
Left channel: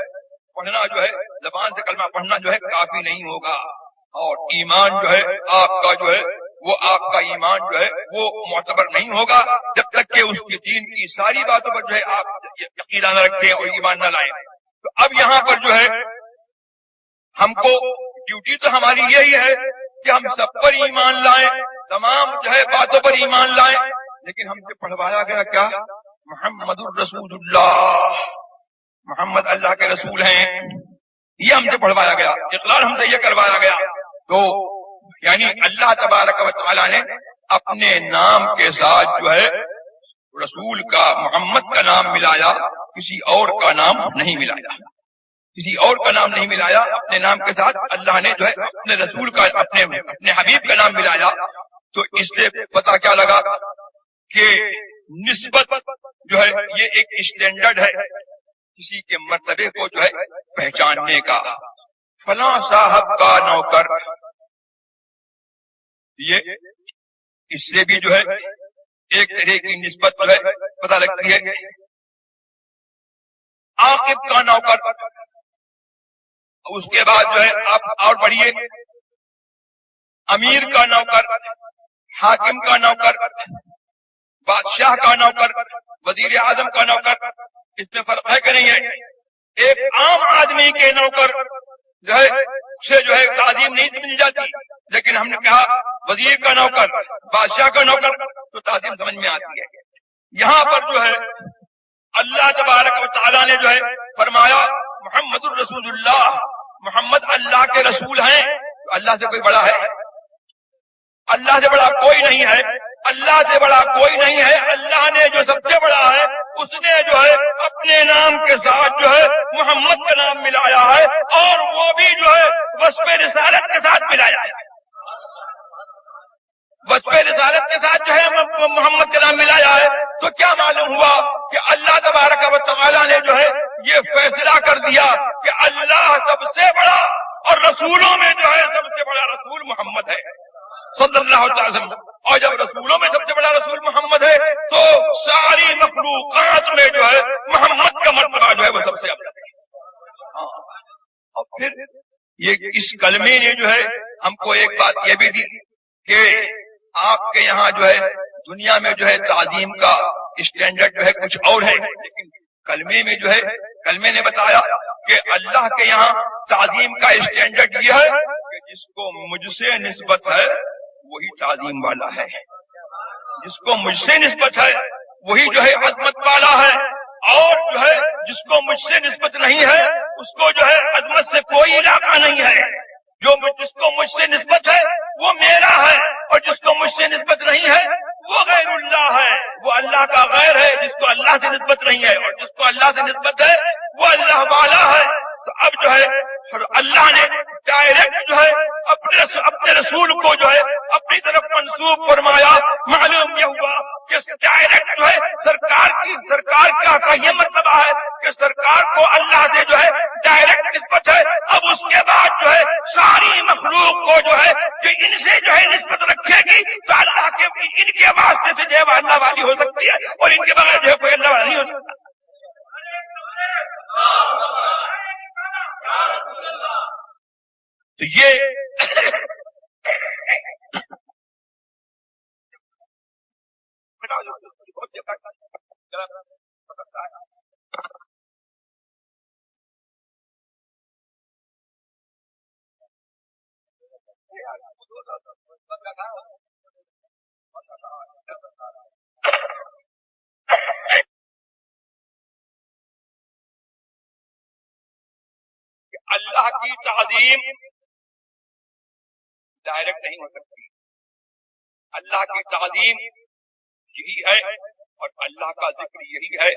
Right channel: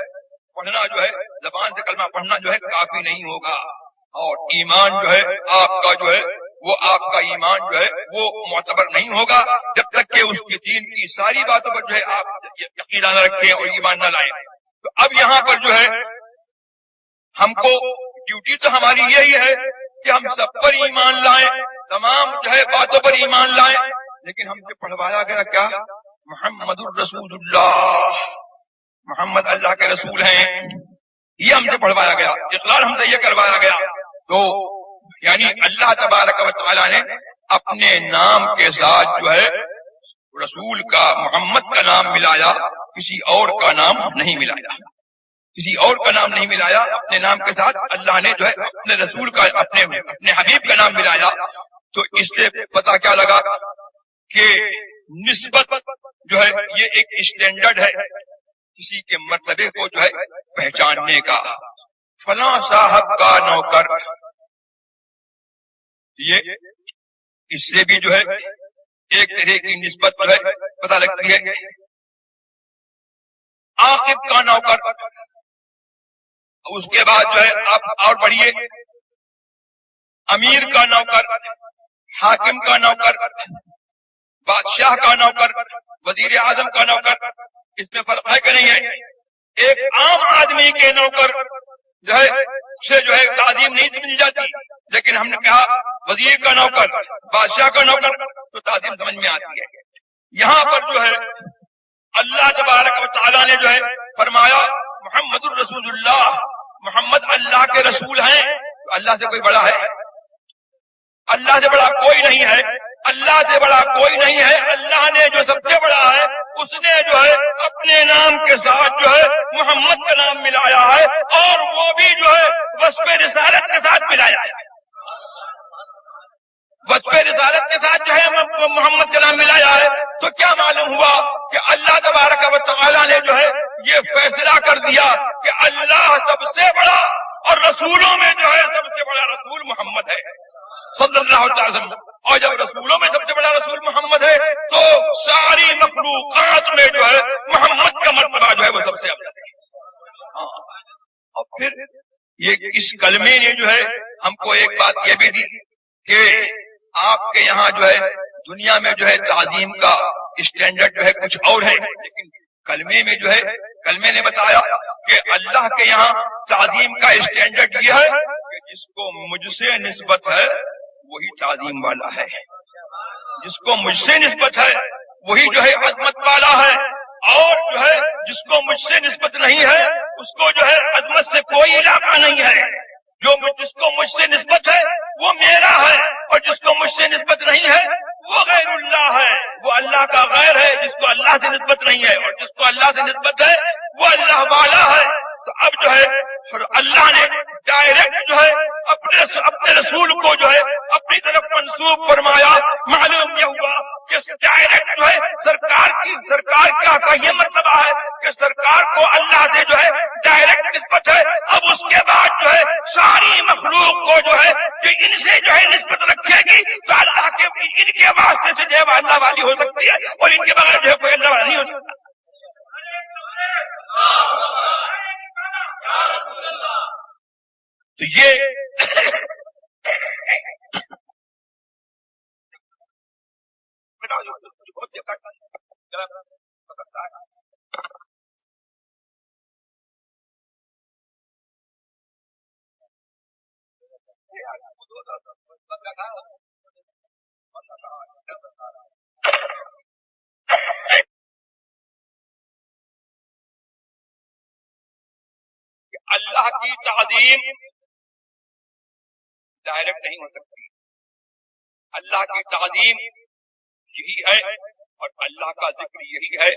پڑھنا جو ہے زبان سے کلمہ پڑھنا جو ہے کافی نہیں ہوگا، اور ایمان جو ہے آپ کا جو ہے وہ آپ کا ایمان جو ہے وہ معتبر نہیں ہوگا جب تک کہ اس کے دین کی ساری باتوں پر جو ہے آپ یقین نہ رکھیں اور ایمان نہ لائیں۔ تو اب یہاں پر جو ہے ہم کو ڈیوٹی تو ہماری یہی ہے کہ ہم سب پر ایمان لائیں، تمام جو ہے باتوں پر ایمان لائیں، لیکن ہم سے پڑھوایا گیا کیا؟ محمد الرسول اللہ، محمد اللہ کے رسول ہیں، یہ ہم سے پڑھوایا گیا، اقرار ہم سے یہ کروایا گیا۔ تو یعنی اللہ تبارک و تعالیٰ نے اپنے نام کے ساتھ جو ہے رسول کا محمد کا نام ملایا، کسی اور کا نام نہیں ملایا، کسی اور کا نام نہیں ملایا، اپنے نام کے ساتھ اللہ نے جو ہے اپنے رسول کا اپنے حبیب کا نام ملایا۔ تو اس سے پتہ کیا لگا کہ نسبت جو ہے یہ ایک اسٹینڈرڈ ہے کسی کے مرتبے کو جو ہے پہچاننے کا۔ فلاں صاحب کا نوکر، یہ اس سے بھی جو ہے ایک طرح کی نسبت جو ہے پتہ لگتی ہے۔ عاقب کا نوکر، اس کے بعد جو ہے آپ اور بڑھیے، امیر کا نوکر، حاکم کا نوکر، بادشاہ کا نوکر، وزیر اعظم کا نوکر، اس میں فرق ہے کہ نہیں ہے؟ ایک عام آدمی کے نوکر جو ہے اسے جو ہے تعظیم نہیں مل جاتی، لیکن ہم نے کہا وزیر کا نوکر، بادشاہ کا نوکر تو تعظیم سمجھ میں آتی ہے۔ یہاں پر جو ہے اللہ تبارک و تعالیٰ نے جو ہے فرمایا محمد الرسول اللہ، محمد اللہ کے رسول ہیں، تو اللہ سے کوئی بڑا ہے؟ اللہ سے بڑا کوئی نہیں ہے، اللہ سے بڑا کوئی نہیں ہے۔ اللہ نے جو سب سے بڑا ہے اس نے جو ہے اپنے نام کے ساتھ جو ہے محمد کا نام ملایا ہے، اور وہ بھی جو ہے وصف رسالت کے ساتھ ملایا ہے، وصف رسالت کے ساتھ جو ہے محمد کا نام ملایا ہے۔ تو کیا معلوم ہوا کہ اللہ تبارک و تعالیٰ نے جو ہے یہ فیصلہ کر دیا کہ اللہ سب سے بڑا، اور رسولوں میں جو ہے سب سے بڑا رسول محمد ہے صلی اللہ علیہ وسلم۔ اور جب رسولوں میں سب سے بڑا رسول محمد ہے تو ساری مخلوقات میں جو ہے محمد کا مرتبہ جو ہے وہ سب سے افضل ہے۔ اور پھر یہ اس کلمے نے جو ہے ہم کو ایک بات یہ بھی دی کہ آپ کے یہاں جو ہے دنیا میں جو ہے تعظیم کا اسٹینڈرڈ جو ہے کچھ اور ہے، لیکن کلمے میں جو ہے کلمے نے بتایا کہ اللہ کے یہاں تعظیم کا اسٹینڈرڈ یہ ہے کہ جس کو مجھ سے نسبت ہے وہی تعظیم والا ہے، جس کو مجھ سے نسبت ہے وہی جو ہے عظمت والا ہے، اور جو ہے جس کو مجھ سے نسبت نہیں ہے اس کو جو ہے عظمت سے کوئی علاقہ نہیں ہے۔ جس کو مجھ سے نسبت ہے وہ میرا ہے، اور جس کو مجھ سے نسبت نہیں ہے وہ غیر اللہ ہے، وہ اللہ کا غیر ہے۔ جس کو اللہ سے نسبت نہیں ہے اور جس کو اللہ سے نسبت ہے وہ اللہ والا ہے۔ تو اب جو ہے اللہ نے ڈائریکٹ جو ہے اپنے رسول کو جو ہے اپنی طرف منسوب فرمایا۔ معلوم یہ ہوا کہ ڈائریکٹ جو ہے سرکار کا یہ مرتبہ ہے کہ سرکار کو اللہ سے جو ہے ڈائریکٹ نسبت ہے۔ اب اس کے بعد جو ہے ساری مخلوق کو جو ہے کہ ان سے جو ہے نسبت رکھے گی تو اللہ کے ان کے واسطے سے جو ہے وہ اللہ والی ہو سکتی ہے، اور ان کے بغیر جو ہے کوئی اللہ والا نہیں ہو سکتا۔ تو یہ اللہ کی تعظیم ڈائریکٹ نہیں ہو سکتی۔ اللہ کی تعظیم یہی ہے اور اللہ کا ذکر یہی ہے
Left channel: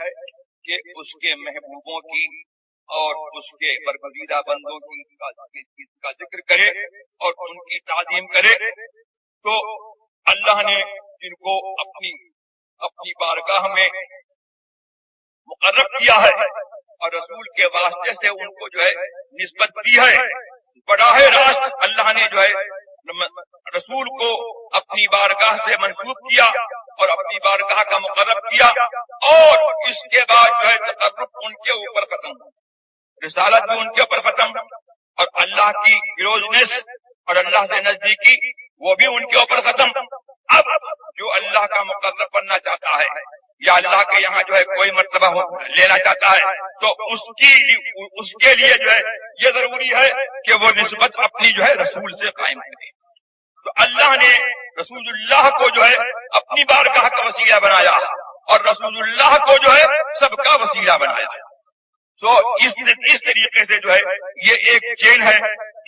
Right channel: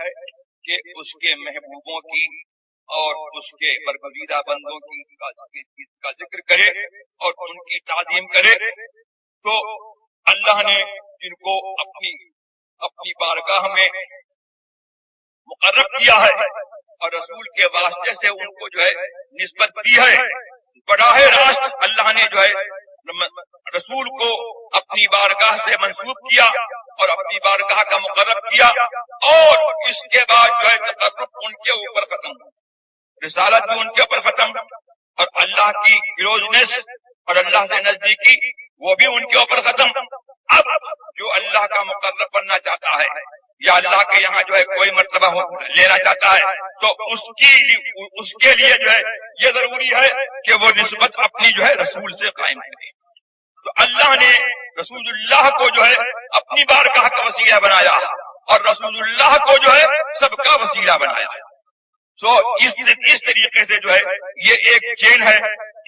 کہ اس کے محبوبوں کی اور اس کے برگزیدہ بندوں کا ذکر کرے اور ان کی تعظیم کرے۔ تو اللہ اللہ نے جن کو اپنی بارگاہ میں مقرر کیا ہے اور رسول کے واسطے سے ان کو جو ہے نسبت دی ہے، براہ راست اللہ نے جو ہے رسول کو اپنی بارگاہ سے منسوب کیا اور اپنی بارگاہ کا مقرر کیا، اور اس کے بعد جو ہے تقرب ان کے اوپر ختم، رسالت بھی ان کے اوپر ختم، اور اللہ کی کلوزنس اور اللہ سے نزدیکی وہ بھی ان کے اوپر ختم۔ اب جو اللہ کا مقرر بننا چاہتا ہے یا اللہ کے یہاں جو ہے کوئی مرتبہ لینا چاہتا ہے تو اس کے لیے جو ہے یہ ضروری ہے کہ وہ نسبت اپنی جو ہے رسول سے قائم کرے۔ تو اللہ نے رسول اللہ کو جو ہے اپنی بارگاہ کا وسیلہ بنایا اور رسول اللہ کو جو ہے سب کا وسیلہ بنایا۔ تو اس طریقے سے جو ہے یہ ایک چین ہے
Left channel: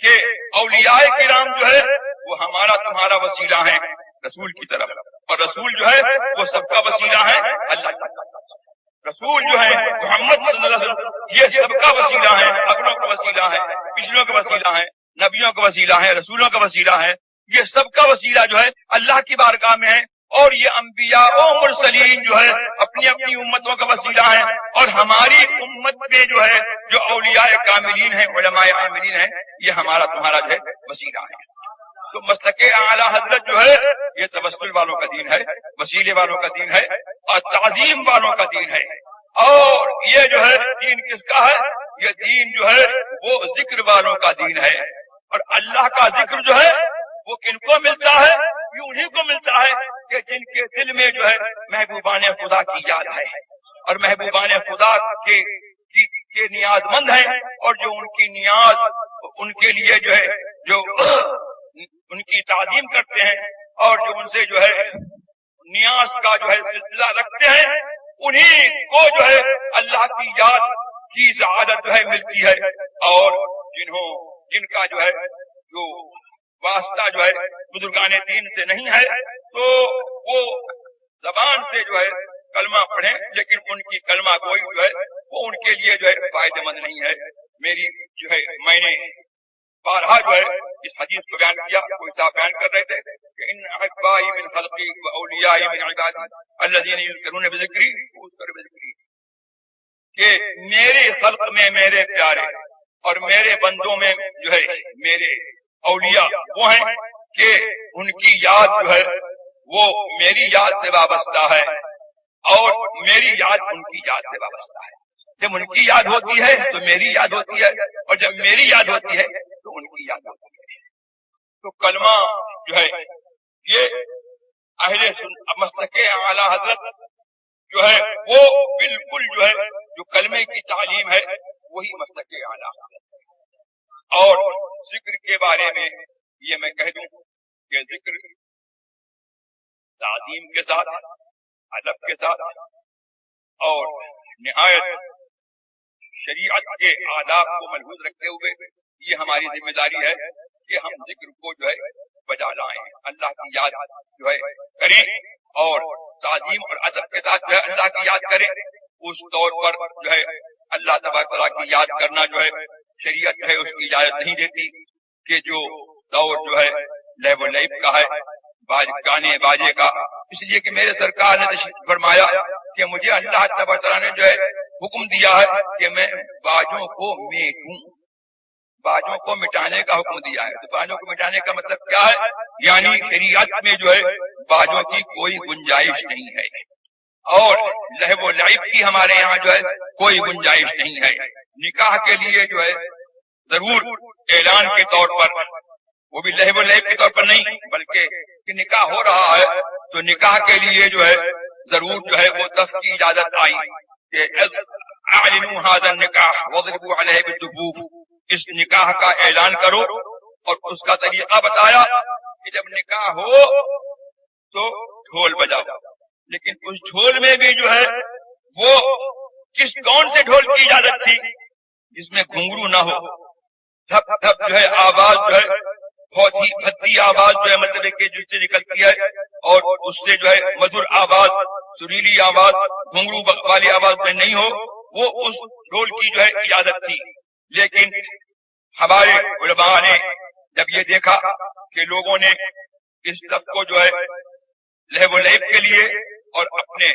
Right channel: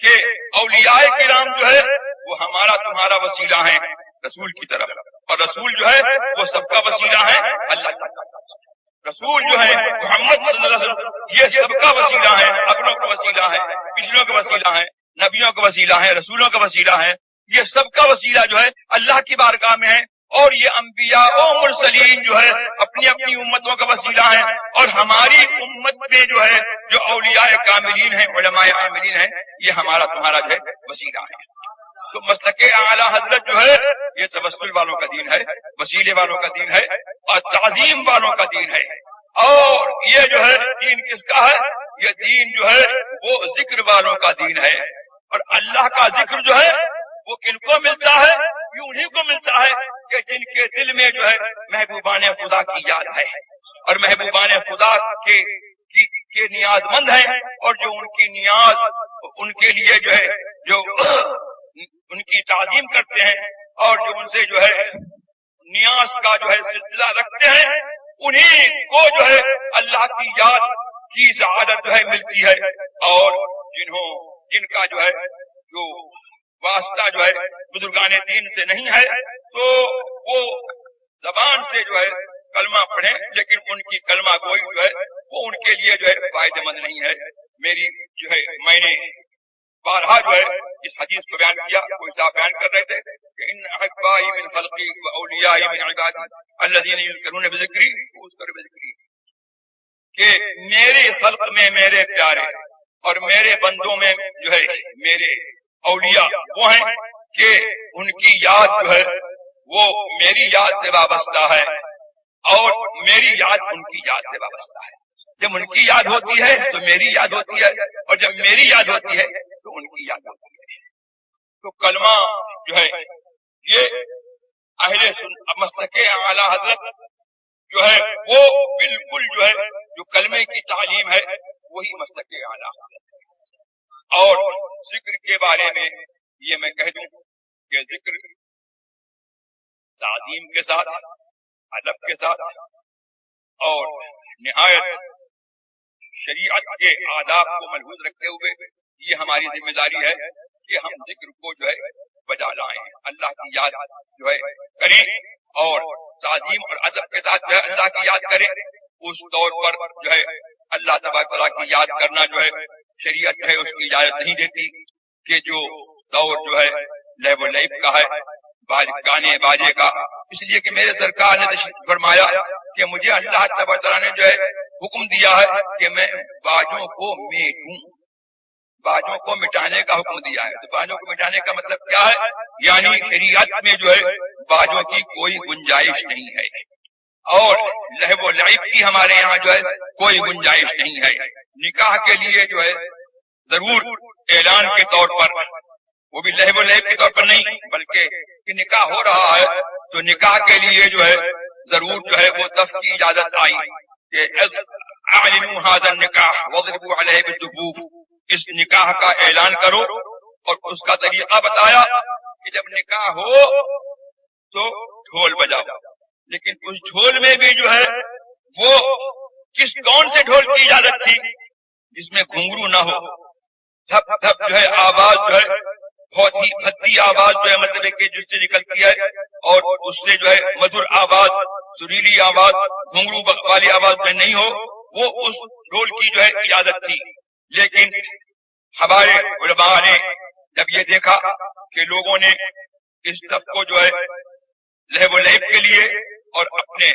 کہ اولیاء کرام جو ہے وہ ہمارا تمہارا وسیلہ ہیں رسول کی طرف، اور رسول جو ہے وہ سب کا وسیلہ ہے اللہ کی طرف۔ رسول جو ہے محمد صلی اللہ علیہ وسلم یہ سب کا وسیلہ ہے، اگلوں کا وسیلہ ہے، پچھلوں کا وسیلہ ہے، نبیوں کا وسیلہ ہے، رسولوں کا وسیلہ ہے، یہ سب کا وسیلہ جو ہے اللہ کی بارگاہ میں ہے۔ اور یہ انبیاء و مرسلین جو ہے اپنی اپنی امتوں کا وسیلہ ہیں، اور ہماری امت میں جو ہے جو اولیاء کاملین ہیں، علماء عاملین ہیں، یہ ہمارا تمہارا جو ہے وسیلہ ہے۔ تو مسلک اعلی حضرت جو ہے یہ توسل والوں کا دین ہے، وسیلے والوں کا دین ہے، اور تعظیم والوں کا دین ہے۔ اور یہ جو ہے دین کس کا ہے؟ یہ دین جو ہے وہ ذکر والوں کا دین ہے، اور اللہ کا ذکر جو ہے وہ کن کو ملتا ہے؟ یہ انہیں کو ملتا ہے کہ جن کے دل میں جو ہے محبوبان خدا کی یاد ہے، اور محبوبان خدا کے نیاز مند ہیں، اور جو ان کی نیاز ان کے لیے جو ہے جو ان کی تعظیم کرتے ہیں اور جو ان سے جو ہے نیاز کا جو ہے سلسلہ رکھتے ہیں، انہیں کو جو ہے اللہ کی یاد کی سعادت جو ہے ملتی ہے۔ اور جن کا جو ہے جو واسطہ جو ہے بزرگان دین سے نہیں ہے تو وہ زبان سے جو ہے کلمہ پڑھیں، لیکن ان کی کلمہ گوئی جو ہے وہ ان کے لیے جو ہے فائدہ مند نہیں ہے۔ میری جو ہے میں نے بارہا جو ہے اس حدیث کو بیان کیا، کوئی صاحب بیان کر رہے تھے کہ ان احبائی من خلقی و اولیائی من عبادی الذین یذکرون بذکری اذکر بذکری، کہ میری خلق میں میرے پیارے اور میرے بندوں میں جو ہے میرے اولیاء وہ ہیں کہ ان کی یاد جو ہے وہ میری یاد سے وابستہ ہے، اور میری یاد ان کی یاد سے وابستہ ہے۔ جب ان کی یاد ہوتی ہے تو میری یاد ہوتی ہے، اور جب میری یاد ہوتی ہے تو ان کی یاد ہوتی ہے۔ تو کلمہ جو ہے یہ اہل مسلک اعلی حضرت جو ہے وہ بالکل جو ہے جو کلمے کی تعلیم ہے وہی مسلک اعلی حضرت ہے۔ اور ذکر کے بارے میں یہ میں کہہ دوں کہ ذکر تعظیم کے ساتھ، ادب کے ساتھ اور نہایت شریعت کے آداب کو ملحوظ رکھتے ہوئے یہ ہماری ذمہ داری ہے کہ ہم ذکر کو جو ہے بجا لائیں، اللہ کی یاد جو ہے کریں، اور تعظیم اور ادب کے ساتھ جو ہے اللہ کی یاد کریں۔ اس طور پر جو ہے اللہ تبارک و تعالیٰ کی یاد کرنا جو ہے شریعت ہے اس کی اجازت نہیں دیتی کہ جو دور جو ہے لہو و لعب کا ہے، گانے باجے کا، اس لیے کہ میرے سرکار نے تشریف فرمایا کہ مجھے اللہ تبارک و تعالیٰ نے جو ہے حکم دیا ہے کہ میں باجوں کو میٹوں، باجوں کو مٹانے کا حکم دیا ہے۔ تو باجوں کو مٹانے کا مطلب کیا ہے؟ یعنی شریعت میں جو ہے باجوں کی کوئی گنجائش نہیں ہے، اور لہو و لعب کی ہمارے یہاں جو ہے کوئی گنجائش نہیں ہے۔ نکاح کے لیے جو ہے ضرور اعلان کے طور پر، وہ بھی لہو و لعب کے طور پر نہیں بلکہ کہ نکاح ہو رہا ہے تو نکاح کے لیے جو ہے ضرور جو ہے وہ دف کی اجازت آئی کہ اعلنوا هذا النکاح واضربوا علیہ بالدفوف، اس نکاح کا اعلان کرو، اور اس کا طریقہ بتایا کہ جب نکاح ہو تو ڈھول بجاؤ، لیکن اس ڈھول میں بھی جو ہے وہ کون سے ڈھول کی اجازت تھی؟ جس میں گھنگرو نہ ہو، دھپ دھپ جو ہے آواز جو ہے بہت ہی بھدی آواز جو ہے مطلب کہ جس سے نکلتی ہے، اور اس سے جو ہے مدھر آواز، سریلی آواز، گھنگرو والی آواز میں نہیں ہو، وہ اس ڈھول کی جو ہے اجازت تھی۔ لیکن ہمارے علماء نے جب یہ دیکھا کہ لوگوں نے اس دف کو جو ہے لہو و لعب کے لیے اور اپنے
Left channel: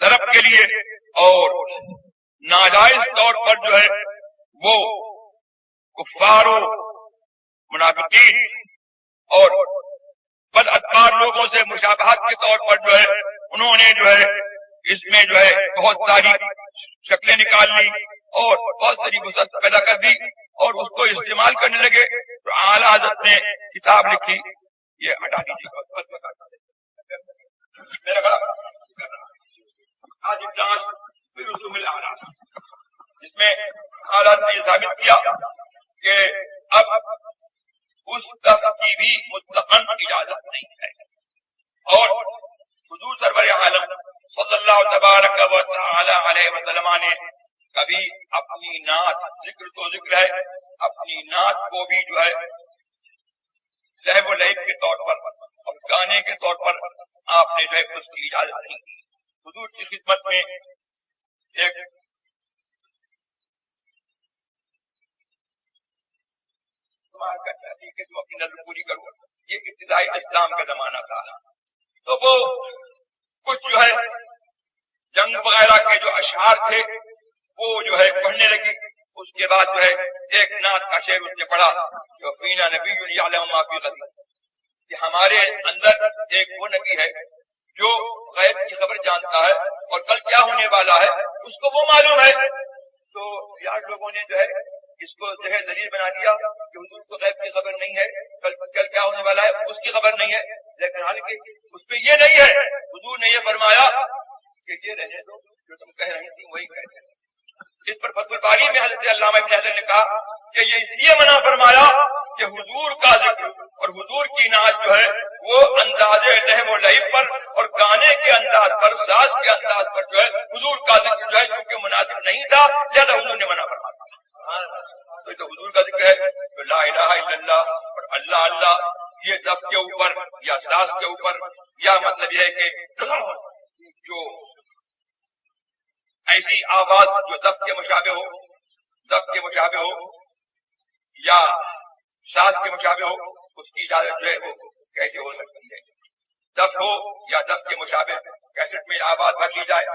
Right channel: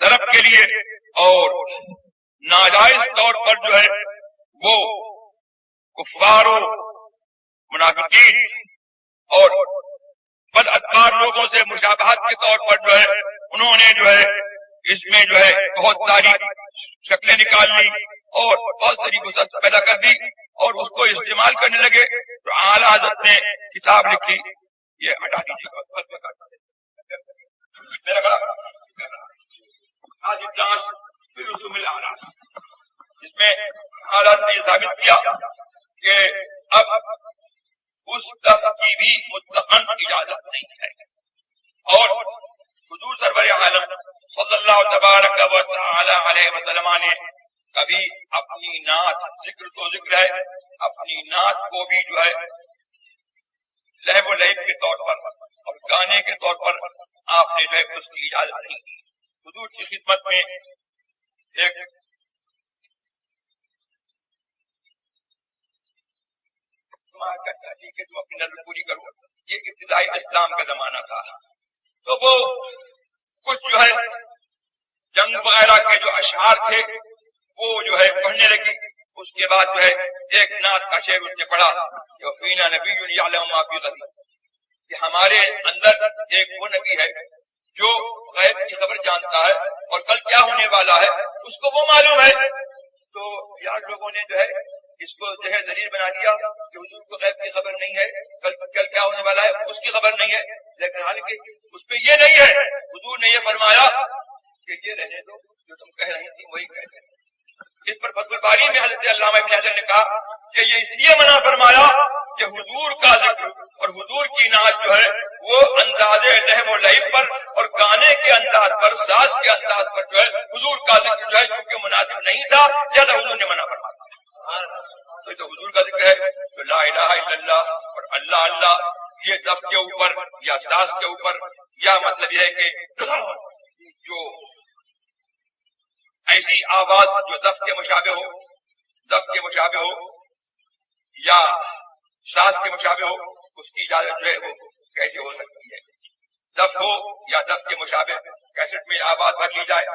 طرف کے لیے اور ناجائز طور پر جو ہے وہ کفار و منافقین اور بد ادکار لوگوں سے مشابہت کے طور پر جو ہے انہوں نے جو ہے اس میں جو ہے بہت ساری شکلیں نکال لی اور بہت ساری وسعت پیدا کر دی اور اس کو استعمال کرنے لگے. تو اعلیٰ حضرت نے کتاب لکھی, یہ ہٹا دیجیے گا میرا جس میں حالات نے یہ ثابت کیا کہ اب اس لفظ کی بھی مطلقاً اجازت نہیں ہے. اور حضور سرور عالم صلی اللہ تبارک و تعالی علیہ وسلم نے کبھی اپنی نعت, ذکر تو ذکر ہے, اپنی نعت کو بھی جو ہے لہو و لعب کے طور پر اور گانے کے طور پر آپ نے جو ہے اس کی اجازت نہیں دی. حضور کی خدمت میں ایک کہ تم اپنی نظر پوری کرو, یہ ابتدائی اسلام کا زمانہ تھا. تو وہ کچھ جو ہے جنگ وغیرہ کے جو اشعار تھے وہ جو ہے پڑھنے لگی. اس کے بعد جو ہے ایک نعت کا شعر اس نے پڑھا کہ فینا نبی یعلم ما فی غد, کہ ہمارے اندر ایک وہ نبی ہے جو غیب کی خبر جانتا ہے اور کل کیا ہونے والا ہے اس کو وہ معلوم ہے. تو یار لوگوں نے جو ہے اس کو جو ہے دلیل بنا لیا کہ حضور کو غیب کی خبر نہیں ہے, کل کیا ہونے والا ہے اس کی خبر نہیں ہے. لیکن حالانکہ اس پہ یہ نہیں ہے. حضور نے یہ فرمایا کہ یہ رہنے دو, جو تم کہہ رہی تھی وہی کہہ رہے. اس پر فتح الباری میں حضرت علامہ ابن حجر نے کہا کہ یہ اس لیے منع فرمایا کہ حضور کا ذکر اور حضور کی نعت جو ہے وہ انداز لہو و لعب پر اور گانے کے انداز پر, ساز کے انداز پر جو ہے حضور کا ذکر جو ہے کیونکہ مناسب نہیں تھا, زیادہ حضور نے منع فرمایا. تو یہ تو حضور کا ذکر ہے. تو لا الہ الا اللہ اور اللہ اللہ یہ لفظ کے اوپر یا ساز کے اوپر, یا مطلب یہ ہے کہ جو ایسی آواز جو لفظ کے مشابہ ہو, لفظ کے مشابہ ہو یا ساز کے مشابہ ہو, اس کی اجازت جو ہے وہ کیسے ہو سکتی ہے؟ لفظ ہو یا لفظ کے مشابہ کیسٹ میں آواز بھر لی جائے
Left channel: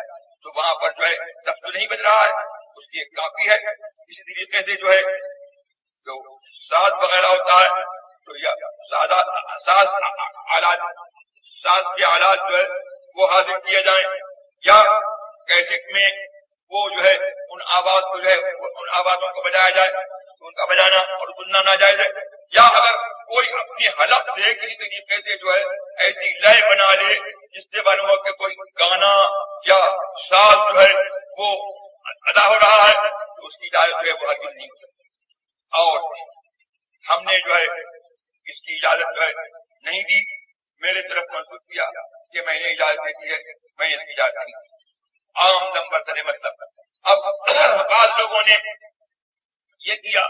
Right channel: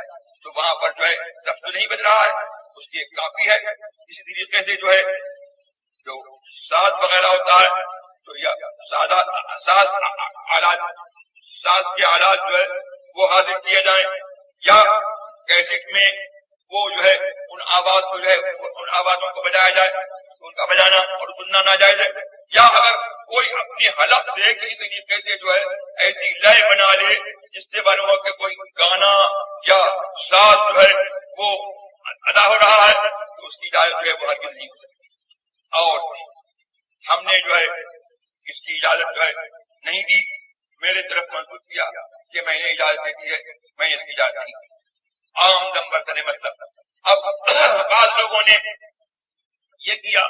تو وہاں پر جو ہے لفظ تو نہیں بج رہا ہے, اس کی ایک کاپی ہے. اسی طریقے سے جو ہے جو ساز وغیرہ ہوتا ہے تو یا ساز کے آلات جو ہے وہ حاضر کیے جائیں, یا کیسٹ میں وہ جو ہے ان آواز کو جو ہے ان آوازوں کو بجایا جائے تو ان کا بجانا اور سننا ناجائز ہے. یا اگر کوئی اپنی حلق سے کسی طریقے سے جو ہے ایسی لے بنا لے جس سے معلوم ہو کہ کوئی گانا یا ساز جو ہے وہ ادا ہو رہا ہے تو اس کی اجازت جو ہے وہ ہرگز نہیں ہو سکتی. اور ہم نے جو ہے اس کی اجازت جو ہے نہیں دی, میرے طرف منسوخ کیا کہ میں نے اجازت دے دی ہے, میں نے اس کی اجازت نہیں دی. عام نمبر سے مطلب اب بعض لوگوں نے یہ کیا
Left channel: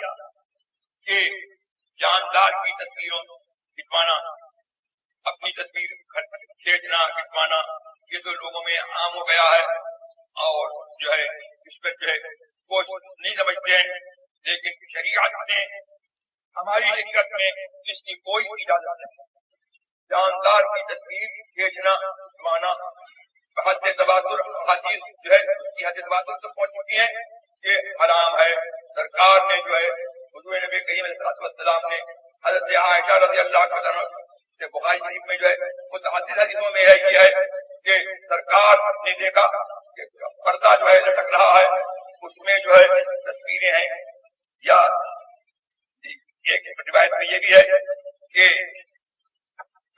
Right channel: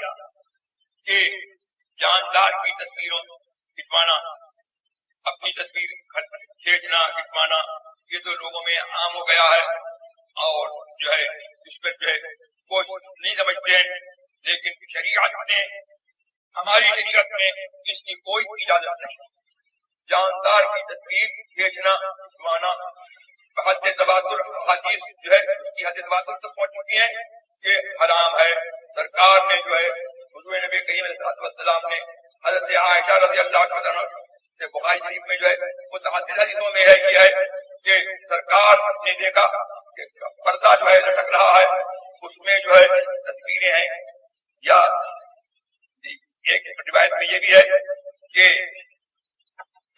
کہ جاندار کی تصویروں کھنچوانا, اپنی تصویر کھینچنا کھنچوانا, یہ تو لوگوں میں عام ہو گیا ہے اور جو ہے اس پر جو ہے کوئی نہیں سمجھتے ہیں. لیکن شریعت نے, ہماری شریعت میں اس کی کوئی اجازت نہیں. جاندار کی تصویر کھینچنا کھنچوانا حد تواتر حدیث جو ہے اس کی حد تواتر تک پہنچ چکی ہے کہ حرام ہے. سرکار نے جو ہے حضور نبی کریم علیہ السلام نے حضرت عائشہ رضی اللہ عنہا سے بخاری شریف میں جو ہے متعدد حدیثوں میں ہے یہ ہے کہ سرکار نے دیکھا کہ پردہ جو ہے لٹک رہا ہے, اس میں جو ہے تصویریں ہیں. یا ایک روایت میں یہ بھی ہے کہ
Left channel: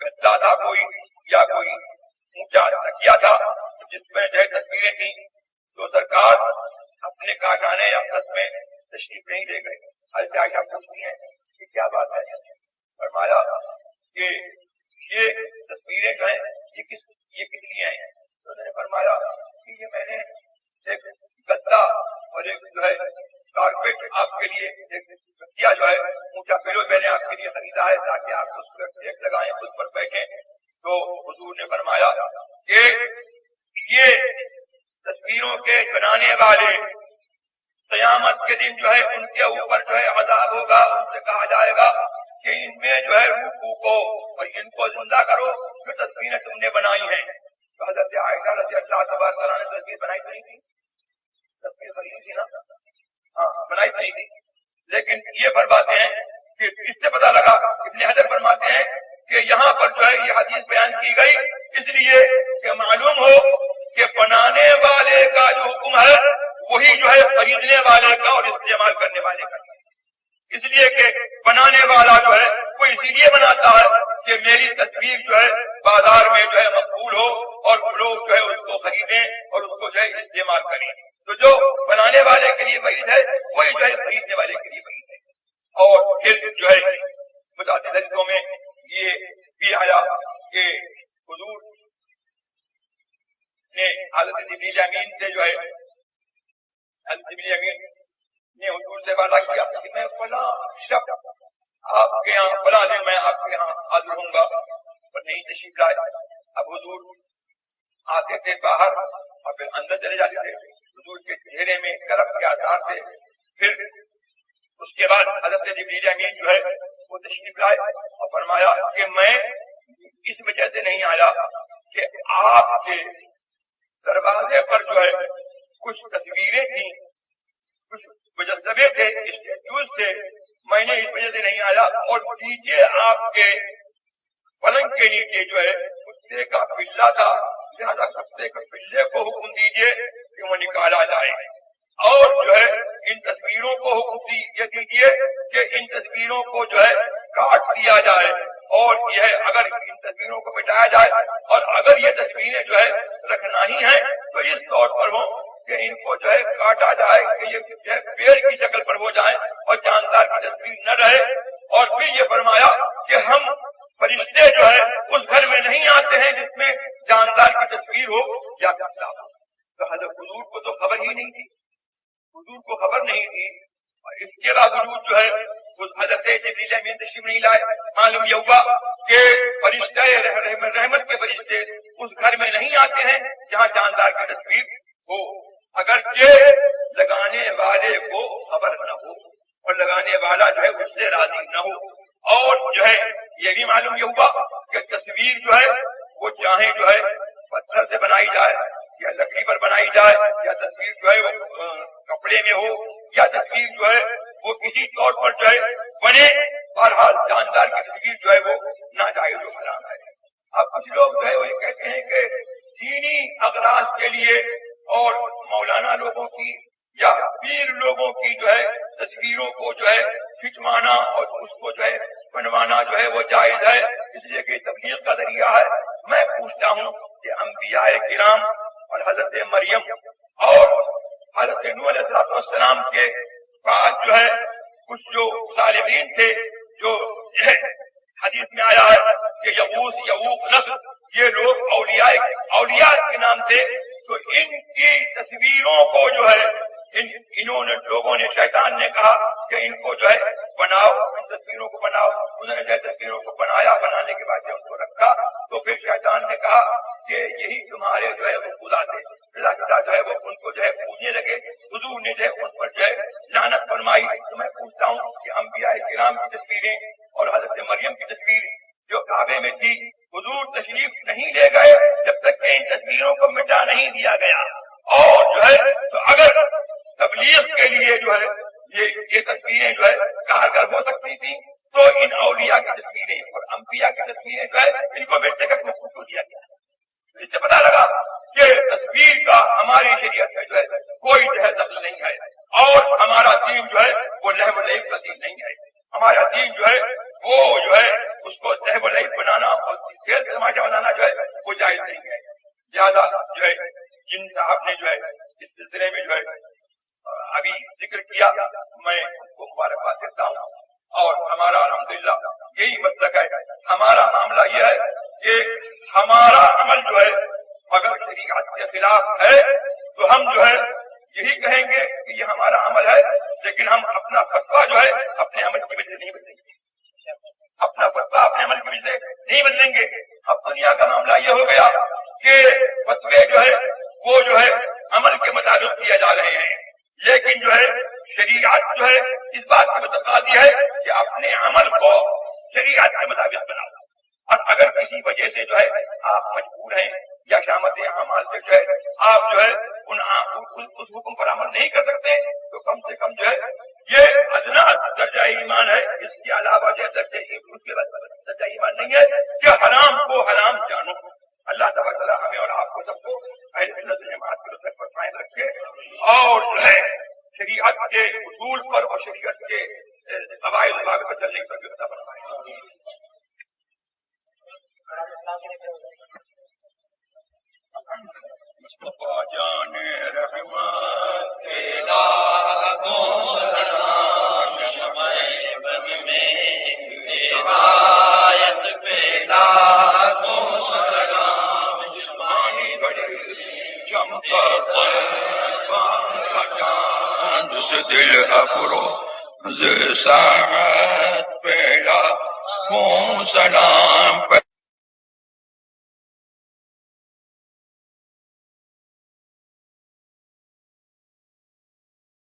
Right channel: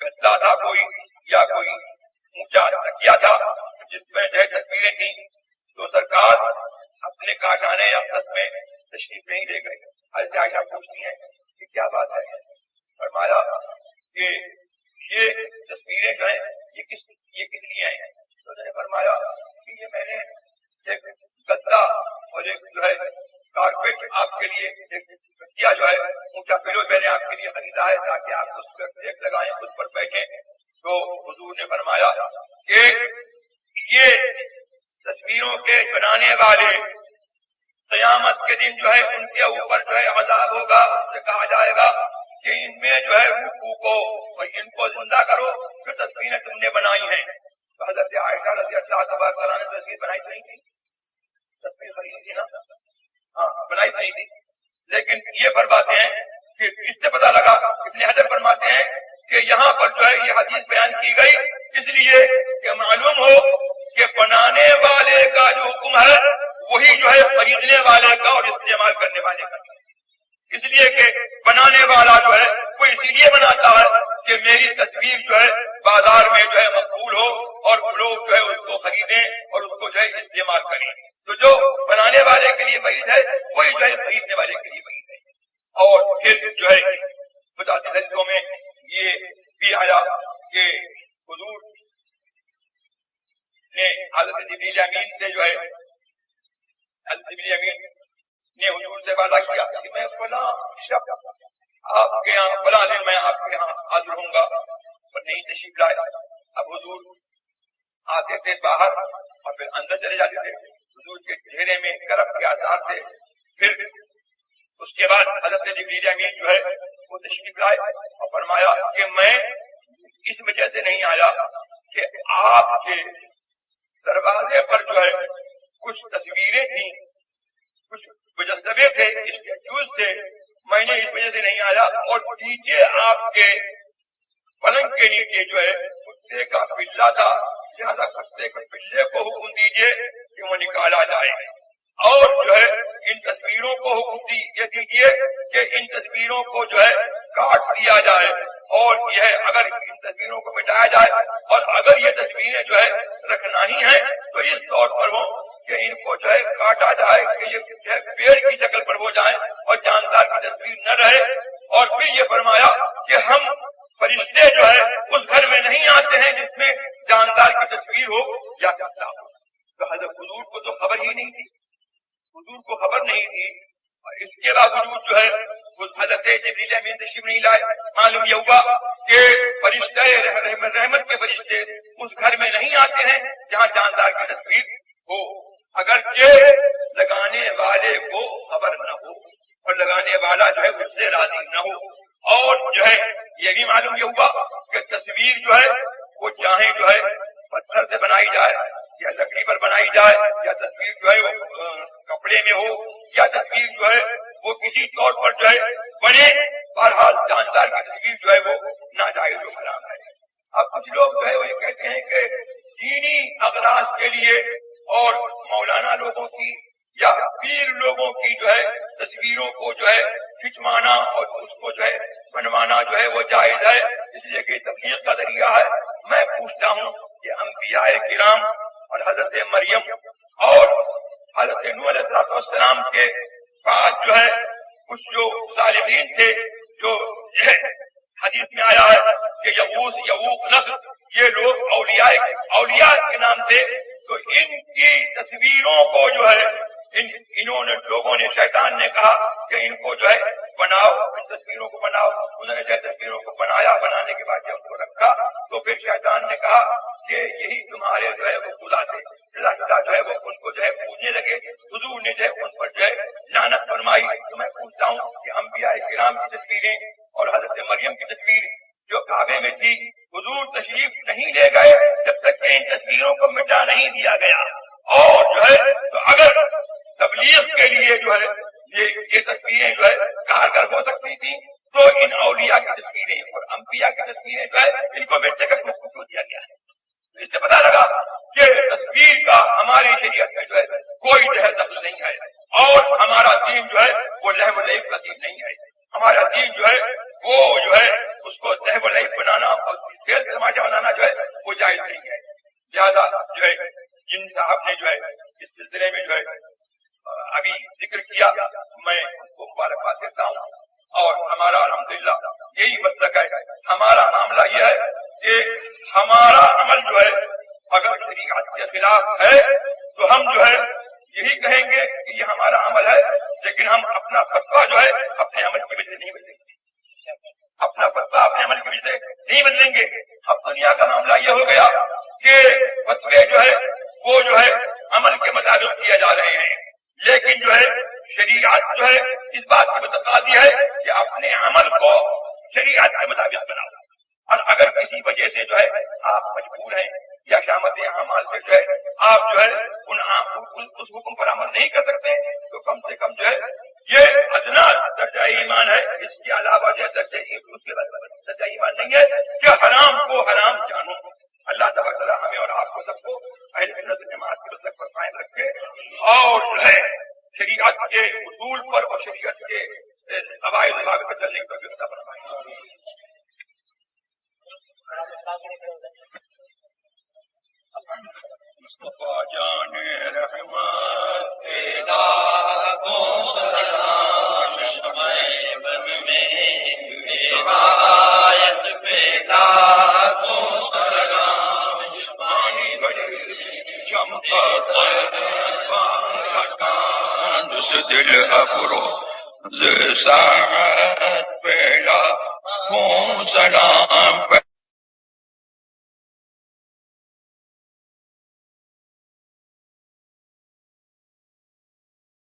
گدا تھا کوئی یا کوئی اونچا تکیا تھا جس میں جو ہے تصویریں تھیں, تو سرکار اپنے کاشانے یا دس میں تشریف نہیں لے گئے. حضرت عائشہ پوچھتی ہیں کہ کیا بات ہے؟ فرمایا کہ یہ تصویریں جو ہیں یہ کس لیے ہیں؟ تو انہوں نے فرمایا کہ یہ میں نے ایک گدا اور ایک جو ہے کارپیٹ آپ کے لیے ایک تکیا جو ہے اونچا پلو میں نے آپ کے لیے خریدا ہے تاکہ آپ اس پر ایک لگائیں, اس پر بیٹھیں. تو حضور نے فرمایا کہ یہ تصویروں کے بنانے والے قیامت کے دن جو ہے ان کے اوپر جو ہے عذاب ہوگا. ان سے کہا جائے گا کہ ان میں جو ہے روح کو اور ان کو زندہ کرو, پھر تصویر تصویریں تم نے بنائی ہیں، تو حضرت عائشہ رضی اللہ تبارک تعالیٰ نے تصویر بنائی تو نہیں تھی، تصویر خریدی تھی نا، ہاں بنائی تو نہیں تھی، لیکن یہ فرماتے ہیں کہ اس سے پتہ لگا، ابن حجر فرماتے ہیں کہ یہاں پر جو ہے یہ حدیث بیان کی گئی اس لیے کہ معلوم ہو کہ بنانے والے کا جو حکم ہے وہی جو ہے خریدنے والے کا اور استعمال کرنے والے کا، اس لیے کہ بنانے والا جو ہے وہ اسی لیے بناتا ہے کہ میری تصویر جو ہے بازار میں جو ہے مقبول ہو اور لوگ جو ہے اس کو خریدیں اور اس کو جو ہے استعمال کریں، تو جو بنانے والے کے لیے وعید ہے وہی جو ہے خریدنے والے کے لیے وعید ہے۔ اور پھر جو ہے متعدد حدیثوں میں یہ بھی آیا کہ حضور نے حضرت جبریل امین سے جو ہے حضرت جبریل امین نے حضور سے وعدہ کیا کہ میں فلاں شب آپ کے یہاں فلاں دن میں آپ کے یہاں حاضر ہوں گا، پر نہیں تشریف لائے۔ اب حضور آتے تھے باہر اور پھر اندر چلے جاتے تھے، حضور کے چہرے میں کرب کے آثار تھے۔ پھر اس کے بعد حضرت جبریل امین جو ہے وہ تشریف لائے اور فرمایا کہ میں اس وجہ سے نہیں آیا کہ آپ کے دروازے پر جو ہے کچھ تصویریں تھیں، کچھ مجسمے تھے، اسٹیچوز تھے، میں نے اس وجہ سے نہیں آیا، اور نیچے آپ کے پلنگ کے نیچے جو ہے کتے کا پلہ تھا، لہذا کتے کے پلے کو حکم دیجیے کہ وہ نکالا جائے، اور جو ہے ان تصویروں کو حکم یہ دیجیے کہ ان تصویروں کو جو ہے کاٹ دیا جائے، اور یہ اگر ان تصویروں کو مٹایا جائے اور اگر یہ تصویریں جو ہے رکھنا ہی ہیں تو اس طور پر ہو کہ ان کو جو ہے کاٹا جائے کہ یہ پیڑ کی شکل پر ہو جائیں اور جاندار کی تصویر نہ رہے۔ اور پھر یہ فرمایا کہ ہم فرشتے جو ہے اس گھر میں نہیں آتے ہیں جس میں جاندار کی تصویر ہو یا کتا ہو۔ تو حضرت حضور کو تو خبر ہی نہیں تھی، حضور کو خبر نہیں تھی، اور اس کے باوجود جو ہے حضرت جبریل امین تشریف نہیں لائے۔ معلوم یہ ہوا کہ فرشتے رحمت کے فرشتے اس گھر میں نہیں آتے ہیں جہاں جاندار کی تصویر ہو، اگرچہ لگانے والے کو خبر نہ ہو اور لگانے والا جو ہے اس سے راضی نہ ہو۔ اور جو ہے یہ بھی معلوم یہ ہوا کہ تصویر جو ہے وہ چاہے جو ہے پتھر سے بنائی جائے یا لکڑی پر بنائی جائے، یا تصویر جو ہے وہ کپڑے میں ہو، یا تصویر جو ہے وہ کسی طور پر جو ہے بنے، بہرحال جاندار کی تصویر جو ہے وہ ناجائز و حرام ہے۔ اب کچھ لوگ جو ہے وہ یہ کہتے ہیں کہ دینی اغراض کے لیے اور مولانا لوگوں کی یا پیر لوگوں کی جو ہے تصویروں کو جو ہے کھنچوانا اور اس کو جو ہے بنوانا جو ہے وہ جائز ہے، اس لیے کہ تبلیغ کا ذریعہ ہے۔ میں پوچھتا ہوں کہ انبیاء کرام اور حضرت مریم اور حضرت نوح علیہ السلام کے بعد جو ہے کچھ جو صالحین تھے، جو حدیث میں آیا ہے کہ یغوث یعوق نصر، یہ لوگ اولیاء کے نام تھے، تو ان کی تصویروں کو جو ہے انہوں نے لوگوں نے، شیطان نے کہا کہ ان کو جو ہے بناؤ، ان تصویروں کو بناؤ۔ انہوں نے جو ہے تصویروں کو بنایا، بنانے کے بعد جب ان کو رکھا تو پھر شیطان نے کہا کہ یہی تمہارے جو ہے وہ خدا تھے، خدا جو ہے وہ ان کو جو ہے پوجنے لگے۔ حضور نے جو ہے ان پر جو ہے لعنت فرمائی۔ تو میں پوچھتا ہوں کہ انبیاء کرام کی تصویریں اور حضرت مریم کی تصویر جو کعبے میں تھی، حضور تشریف نہیں لے گئے جب تک کہ ان تصویروں کو مٹا نہیں دیا گیا، اور جو ہے تو اگر تبلیغ کے لیے جو ہے یہ تصویریں جو ہے کارگر ہو سکتی تھی تو ان اولیاء کی تصویریں اور انبیاء کی تصویریں جو ہے ان کو بیٹے کا حکم کیوں دیا گیا ہے؟ اس سے پتا لگا کہ تصویر کا ہماری شریعت میں جو ہے کوئی جو ہے دخل نہیں ہے، اور ہمارا دین جو ہے وہ لہو و لعب کا دین نہیں ہے۔ ہمارا دین جو ہے وہ جو ہے اس کو لہو و لعب بنانا اور کھیل تماشا بنانا جو ہے وہ جائز نہیں ہے۔ زیادہ جو ہے جن صاحب نے جو ہے اس سلسلے میں جو ہے ابھی ذکر کیا، میں ان کو مبارکباد دیتا ہوں، اور ہمارا الحمدللہ یہی مسلک ہے۔ ہمارا معاملہ یہ ہے کہ ہمارا عمل جو ہے اگر شریعت کے خلاف ہے تو ہم جو ہے یہی کہیں گے کہ یہ ہمارا عمل ہے، لیکن ہم اپنا فتویٰ جو ہے اپنے عمل کی وجہ سے نہیں بدلیں گے، اپنا فتویٰ اپنے عمل کی وجہ سے نہیں بدلیں گے۔ اب دنیا کا معاملہ یہ ہو گیا کہ فتوے جو ہے وہ جو ہے عمل کے مطابق کیے جا رہے ہیں، لیکن جو ہے شریعت جو ہے اس بات کی متقاضی ہے کہ اپنے عمل کو شریعت کے مطابق بناؤ، اور اگر کسی کسی وجہ سے جو ہے آپ مجبور ہیں یا شامت اعمال سے جو ہے آپ جو ہے اس حکم پر عمل نہیں کر سکتے، تو کم سے کم جو ہے یہ ادنا درجہ ایمان ہے. اس کے علاوہ جو اس کے بعد درجہ ایمان نہیں ہے کہ حرام کو حرام جانو. اللہ تبارک و تعالیٰ ہمیں اور آپ کو سب کو اہل سنت جماعت کے مسلک پر قائم رکھے اور جو ہے شریعت کے اصول پر اور شریعت کے قواعد ضوابط پر چلنے کی توفیق عطا فرمائے. مصطفیٰ جان رحمت تیرا کو سلام شمع بز میں روایت پیدا کو سلام شمانی بڑی چمکا چاند سے دل افروز ساعت پیدا کو سلام.